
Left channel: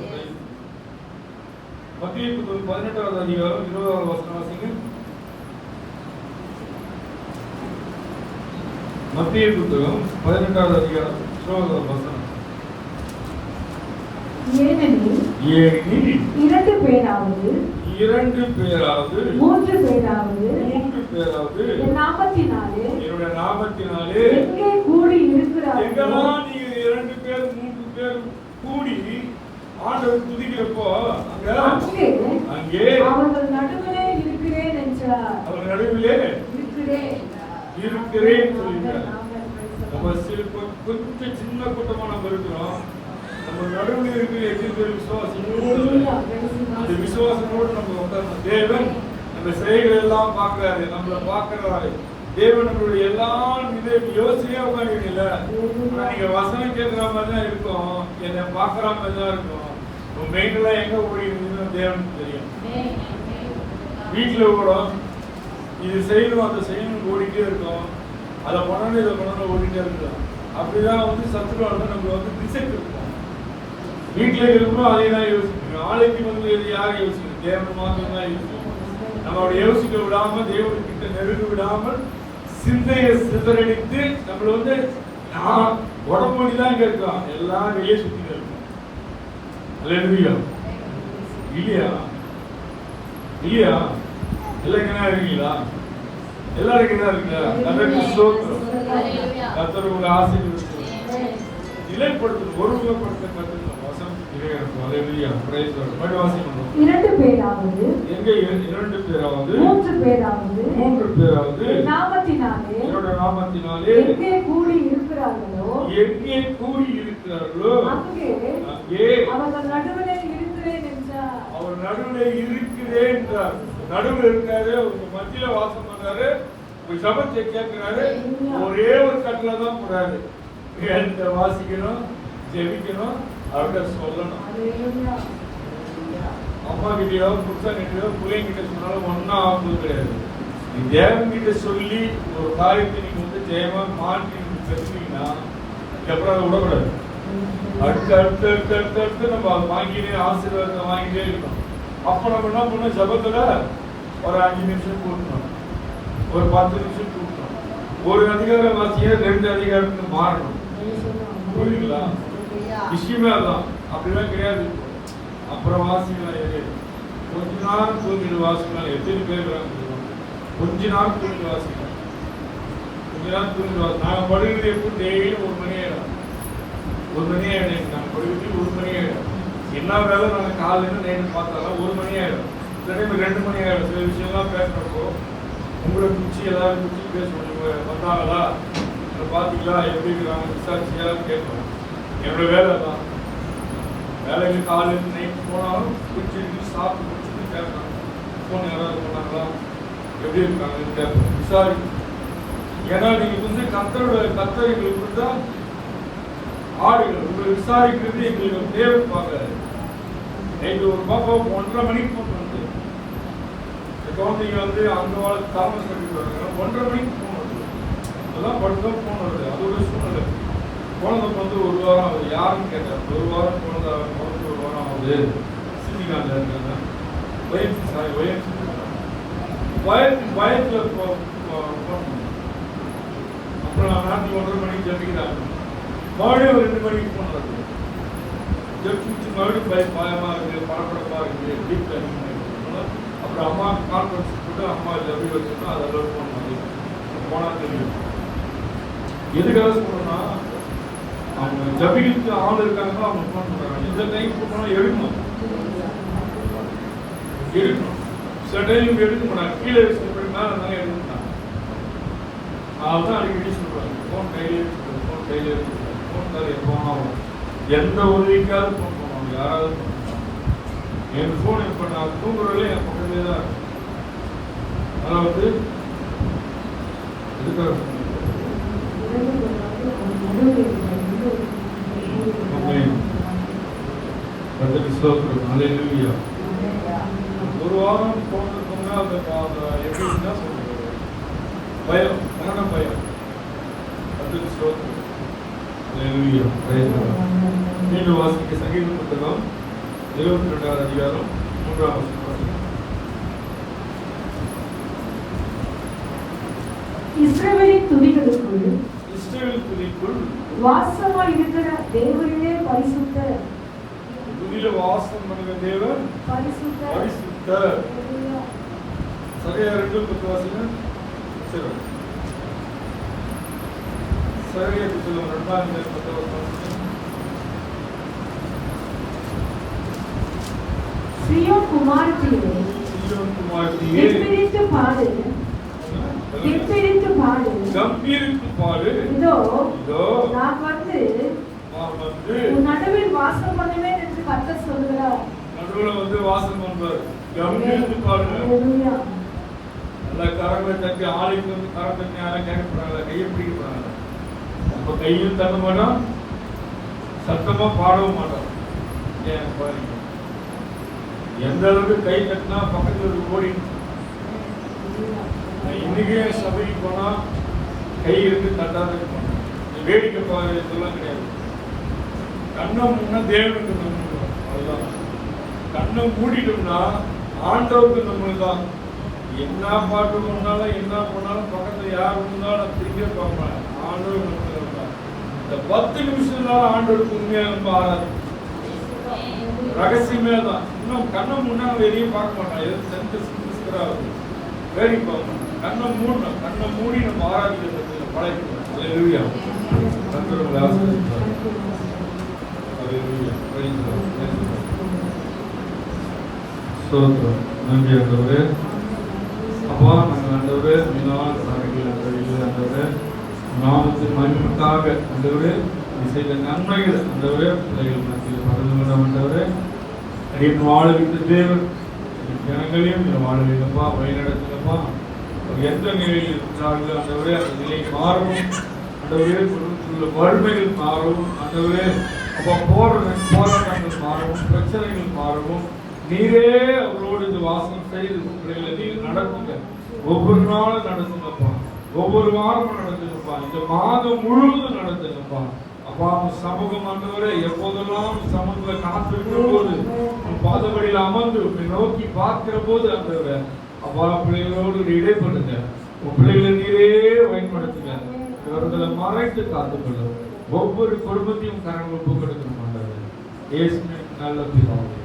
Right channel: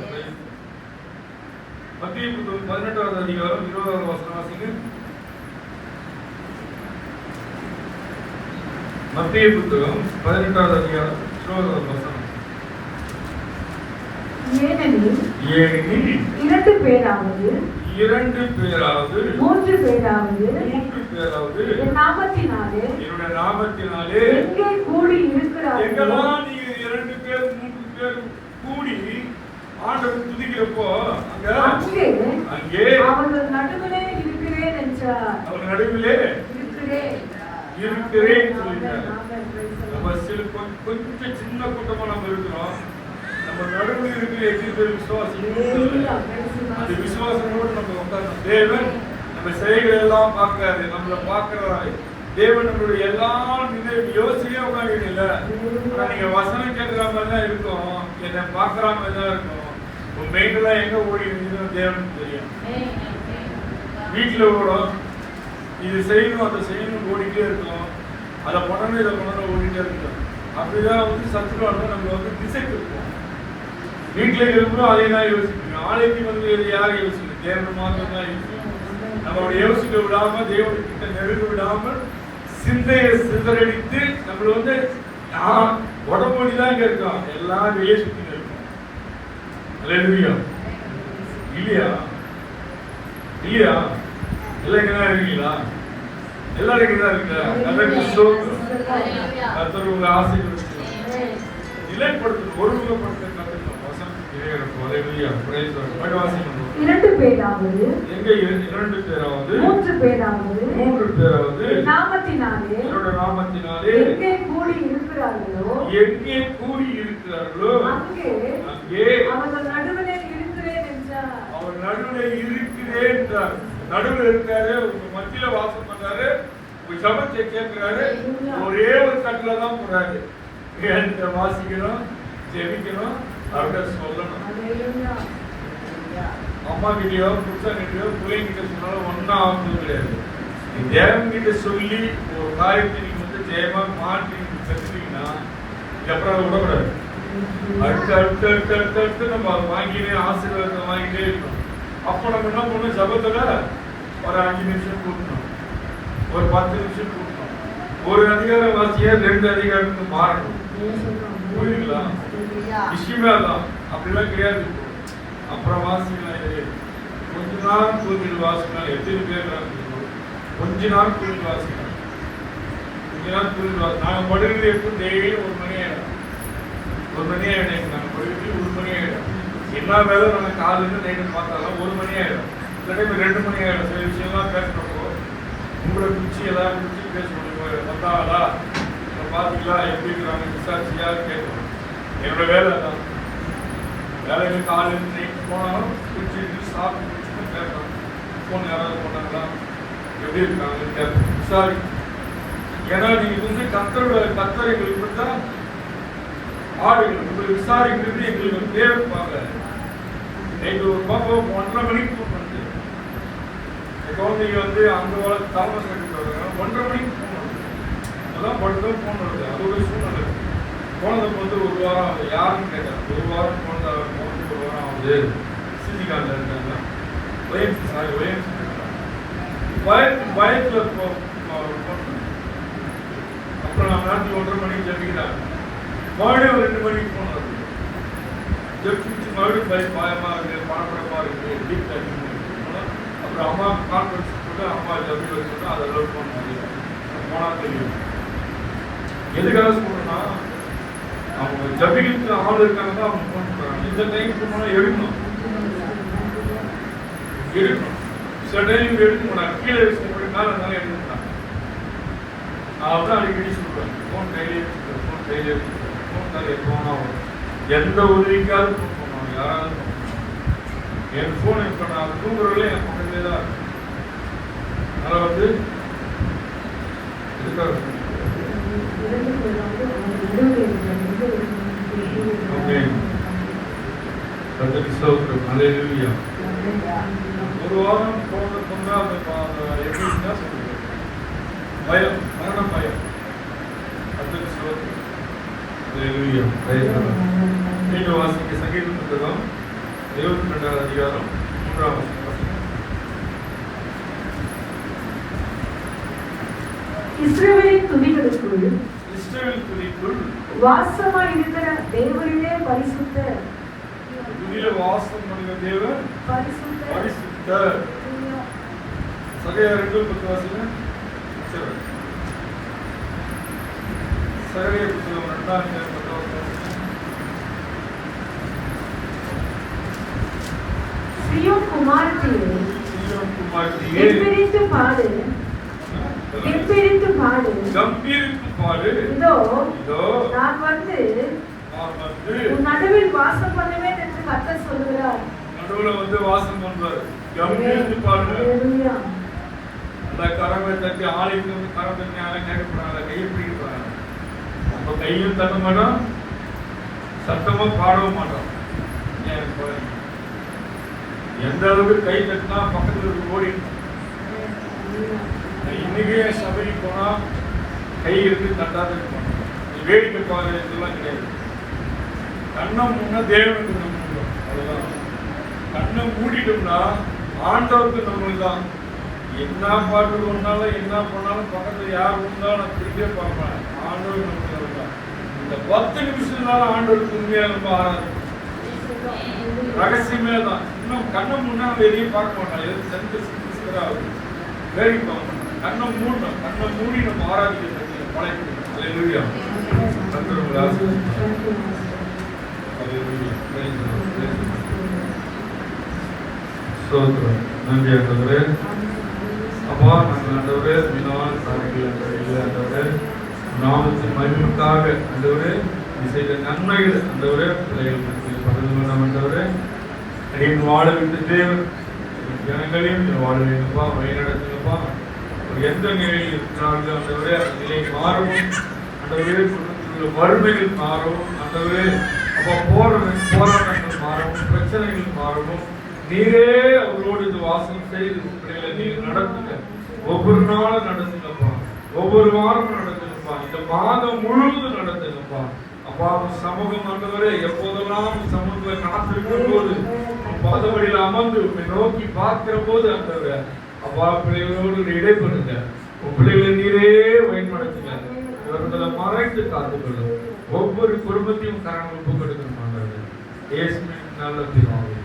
மத்திய புத்தகம் 18வது அதிகாரம் 20வது வசனம் வாசிங்க. மத்திய புத்தகம் 18வது அதிகாரம் 20வது வசனம். ஏனெனில் 2 பேராவது 3 பேராவது என் நாமத்தினாலே எங்கே கூடி இருக்கிறார்கள், எங்கெல்லாம் நீங்க 2 பேர் 3 பேர் கூடி ஆண்டவர் துதிக்கிறப்போ அங்கே அவர்கள் நடுவிலே இருக்கிறேன் என்றார். அவர் நடுவிலே இருக்கிறேன் சொல்லிட்டார். நம்ம கொஞ்சம் சின்ன கூட்டமா நம்ம இருக்கிறோம். நம்ம நடுவில் இருக்கிற எத்தனை பேர் விசுவாசம், அந்த விசுவாசத்தோடு நம்ம உட்காரணும். தேவன் நம்ம செய்கிற எல்லாம் பார்க்கிறாரு, நம்மள பார்க்கிறாரு. தேவன் நம்மளுடைய எல்லா நிலையும் யோசிக்கவே உட்காந்து இல்லை. ஆனா நீங்க வசனம் கேட்கிற மாதிரி தான் இருக்கும், என்னை பார்க்கிற மாதிரி தான் இருக்கும். உங்க மெயின்லாம் எங்க ஓடி இருந்தீங்கன்னு தேவனுக்கு தெரியும். வீட்டுல ஓடும், இது செய்யணும் அதை செய்யணும் ஓடிட்டே இருக்கோம், அதை பண்ணணும் இதை பண்ணணும் ஓடிட்டே இருக்கோம். அப்படிதான் வந்து சத்துருவான நம்ம வந்து திசை இருக்கும். வீட்டிலே இருக்கணும் அதே தான் யோசிக்கணும். ஆலைக்கு வந்து யாரும் யோசிக்கணும், தேவன் மாத்திரம் தான் யோசிக்கணும். நம்மளோட யோசிக்க விடாம தேவனுக்கிட்ட நெருங்க விடாமல் சிந்தையை சிதறடித்து நம்மள வந்து உடம்பு தான் இங்க இருக்கோம், எல்லாம் வெளியே சுத்திட்டு இருக்கோம். அல்லேலூயா. இல்லையா இல்லையா? எல்லாம் இங்கதான் இருக்கீங்களா? எல்லாரும் இங்கதான் இருக்கா? கர்த்தருக்கு ஸ்தோத்திரம். கர்த்தர் உங்களை ஆசீர்வதிப்பார். நிலைப்படுத்தணும், ஒருமுகப்படுத்த கத்துக்கணும். வசனத்துக்கு இறையாகும். அல்லேலூயா. Praise the Lord. வாசிக்கணும். 2 பேராவது எங்க 2 பேராவது 3 பேராவது 3 பேராவது நாமத்தினாலே என்னோட நாமத்தினாலே எங்கே கூடி இருக்கிறார்களோ அங்கே அவர்கள் நடுவிலே இருக்கிறேன் என்றார். அவர் நடுவிலே இருக்கிறேன் என்றார். நடுவில் இருக்காரு, உங்க மத்தியில வாசம் பண்ணாரு, உங்க சபத்தை கேட்கிறாரு. ஒரே ஒரு கட்டில தான் போறாரு. என்கிட்ட வாசிக்கணும், ஜெபிக்கணும், அவர்கிட்ட சொல்லணும். அம்மா கிட்டயோ புருஷன் கிட்டயோ பிள்ளைங்கிட்ட சொன்னாலும் ஒன்னா ஆகுது கிடையாது. தேவன் கிட்ட சொல்லி ஒரு காரியத்தை நீங்க வந்து ஜெயமா மாற்றி பெற்றீங்கன்னா அப்புறம் அதை விடக்கூடாது. அடுத்து அடுத்து அடுத்து அடுத்து அடுத்து நம்ம அதை வாங்கிட்டே ஆசீர்வாதத்தை வாங்கிட்டே இருக்கணும். அப்போ நம்ம என்ன பண்ணணும், ஜபத்துல ஒரு 5 நிமிஷம் கூட்டணும், ஒரு 10 நிமிஷம் கூட்டணும். ஒரு அதிகாரம் வாசிய 2 அதிகாரத்துக்கு மாறணும். புரியுதுங்களா? விஷயமே தான் அப்படிலாம் கிடையாது. அப்புறம் வாசிக்கலாம், கொஞ்ச நேரம் தூங்கிட்டு வாசிக்கலாம். எத்தனை பேர் கொஞ்ச நேரம் தூங்கிட்டு வாசிக்கலாம், கொஞ்ச நேரம் தூங்கிட்டு வாசி. நாங்கள் படுகிறது எப்போ டெய்லி 1 மணி ஆயிடும், 1 மணி ஆயிடும். நாங்கள் படுகிறது 1 மணி ஆயிடும். எல்லா வேலை நாங்கள் காலையில நைட்டு பார்த்தாலும் 1 மணி ஆயிடும். சில டைம் 2 மணி ஆயிடும். சில விஷயம்லாம் பேசுறப்போ உங்களை பிடிச்சி எல்லாரும் பிடிச்சி பேசுவோம். வந்தாங்களா, பார்த்தீங்களா, எப்படி இருக்கிறாங்க, விசாரிச்சியா கேட்கணும். என்னோட வேலை தான். வேலைக்கு காலையில் நைட்டு போனாலும் பிடிச்சி சாப்பிட்டு பிடிச்சின்னு கேட்கலாம். ஃபோன் யாராவது போனாங்களா, எப்படி இருக்காங்கன்னு கேட்கணும், விசாரி. ஏன்னா நீங்க வந்து கத்தர் எங்களுக்கு தான் ஆடுகள், உங்களை விசாரிக்கிறது எங்களுக்கு தேவைப்பாங்க. நைட்டு ஒரு பக்கம் 1:30 மணிக்கு ஃபோன் பண்ணுது. குழந்தைங்க வந்து அந்த வாழ்க்கை தாமஸ் கட்டிட்டு வர்றாங்க, 1:30 மணிக்கு ஃபோன் வருது. அதெல்லாம் படுத்துதான் ஃபோன் வருது. அது ஒரு சூழ்நிலை. குழந்தைக்கு வந்து 1 வாரம் ஆகுது, யாருன்னு கேட்கறாங்க. 1 வாரம் குழந்தை 1 வாரம் ஆகுது, சித்திகாண்டில் இருக்காங்க. பயத்துல ஃபோன் பண்ணி அப்புறம் நம்ம நாட்டில் 1:30 மணிக்கு ஜபிக்கிறாங்க. மறுபடியும் ஒரு 2 மணிக்கு ஃபோன் வருது. ஜபிச்சு மறுபடியும் பயமா இருக்கு, பணப்படமா இருக்கு, டீப் அதிகமாக இருக்கு. அப்புறம் அம்மா கான்ஃபரன்ஸ் போட்டு அம்மா ஜபி வச்சுன்னா அதெல்லாம் ஃபோன் பண்ணி போனா தெரியும். எதுக்காக சொல்றேன்னா, அவங்க ஜபிக்கு ஆள் இருக்காங்கன்னா அவங்க ஃபோன் பண்றாங்க. இந்த டைம் போனா எடுக்கணும். சில டைம் எடுக்க மாட்டாங்க, கீழே வச்சு மேல இருந்தாலும் எடுக்க மாட்டாங்க. அதுதான் அடிக்கடி சொல்றாங்க, ஃபோன் கையிலே வச்சுக்கணும், ஃபோன் கையிலே வச்சுக்கணும், ஃபோன் நிறைய ஃபோன் ஆகும். எந்த உதவிக்காவது ஃபோன் பண்ணுவாங்க, யாராவது ஃபோன் பண்ணுவாங்க. என் ஃபோன் இப்போ நான் தூங்குறதுல என் பக்கத்துலேயே தான் இருக்கும். அதனால் வந்து எதுக்காக ஒரு வாரம் போனதுக்கு அந்த எப்படின்னா சொல்றது பயம், மரண பயம். அதுக்கு சோத்திரம். மீண்டும் வாசிக்க சங்கீத புத்தகம் 22வது அதிகாரம் 3ஆம் வசனம். இஸ்ரவேலின் துதிகளுக்குள் வாசமாய் இருக்கிற தேவனே பரிசுத்தர். துதியில வாசம் பண்ணுகிற தேவன் பரிசுத்தர். சகரியா 2:10 வாசிங்க. சகரியா புத்தகம் 2ஆம் அதிகாரம் 10வது வாசிங்க. சீயோன் குமாரத்தியே கம்பீரித்து பாடு, கம்பீரித்து பாடு. இதோ நான் வந்து உன் நடுவில் வாசம் பண்ணுவேன் என்று கர்த்தர் சொல்கிறார். நடுவுல வந்து வாசம் பண்றார். கம்பீரித்து பாடுங்க. எல்லா கரங்களை தட்டி ஆலைக்கு வந்து கரத்தை யாரும் கேட்கப்படாத, கையை பிடிக்கப்படுறாங்க. நம்ம கையும் தட்ட மாட்டோம், சத்தமா பாடவும் மாட்டோம். ஏன் பாருங்க, எந்த அளவுக்கு கை தட்டினா பக்கத்துல ஓடி இன்னைக்கு சபைக்கு போனா கை இருந்து தட்டாத போனோம். நீ வேடிக்கை பாரு இதெல்லாம் கிடையாது. கண்ணை முன்னா தேவனுக்கு நம்ம அவ்வளவுதான். கண்ணை மூடிட்டோம்னா ஆண்டவருக்கு நம்மளுக்கு தான். என்ன பாட்டு பண்ணாலும் என்ன பண்ணாலும் பக்கத்துல யார் இருந்தாலும் நான் திரும்பியே பார்ப்பேன். ஆண்டவர் நம்மளுக்கு தான். இந்த 10 நிமிஷம் தான் ஆண்டவருக்கு உண்மையா நம்ம ஆராதனை ரகசியமே தான். இன்னும் கண்ணை முன்னா வெளியே பார்க்க மாட்டான். எது சென்டர் வேடிக்கை பார்க்க மாட்டான். கண்ணை மூடணும். கண்ணை மூடி நம்ம ஆராதிக்க பழகிக்கணும். அல்லேலூயா. கர்த்தர் ஆசீர்வதிப்பார். அல்லேலூயா. ஸ்தோத்திரம். நன்றி ஆண்டவரே. அப்பா நாங்கள் ஆண்டவரே மீனவான் சாரங்கள் ஆண்டவரே நாமத்தின் மகிமைக்காக ஆண்டவரே செய்த நன்மைகள் ஆண்டவரே பிள்ளைகள் மத்தியில் பகிர்ந்து கொண்டோம் ஆண்டவரே. என் வாழ விட்டு தேவன் ஜனங்களையும் வாழ வைங்கப்பா, வழிநடத்துங்கப்பா. எந்த நிலையில் இருக்கிறார்கள் ஆண்டவரே அந்த நிலை மாறவும் ஆண்டவரே. வறுமைகள் மாறவும் ஆண்டவரே. அப்பா போராட்டங்கள் மாறவும் பிரச்சனைகள் மாறவும் நீரே அவர்களோடு இது வாசம் செய்து பிள்ளைகளை நீர் நடத்துங்க. ஒவ்வொரு நாளும் நடத்துங்கப்பா, ஒவ்வொரு வாரமும் நடத்துங்கப்பா, இந்த மாதம் முழுவதும் நடத்துங்கப்பா. அப்பா சமூகம் ஆண்டவரே எப்போதெல்லாம் சமூகங்களை காத்திருக்கும் போது பாதபடியில் அமர்ந்து நோக்கி பார்க்கிற போது ஆண்டவரே அப்பா பிள்ளைகளோடு இடைப்படுங்க. உன் பிள்ளைகளை நீரே பயன்படுத்துங்க. இவர்களை மறைத்து காத்துக்கொள்ளும். ஒவ்வொரு குடும்பத்தையும் கரங்கள் ஒப்பு கொடுக்கணும் ஆண்டவரே. இயேசுவின் நல்ல பிதாவே.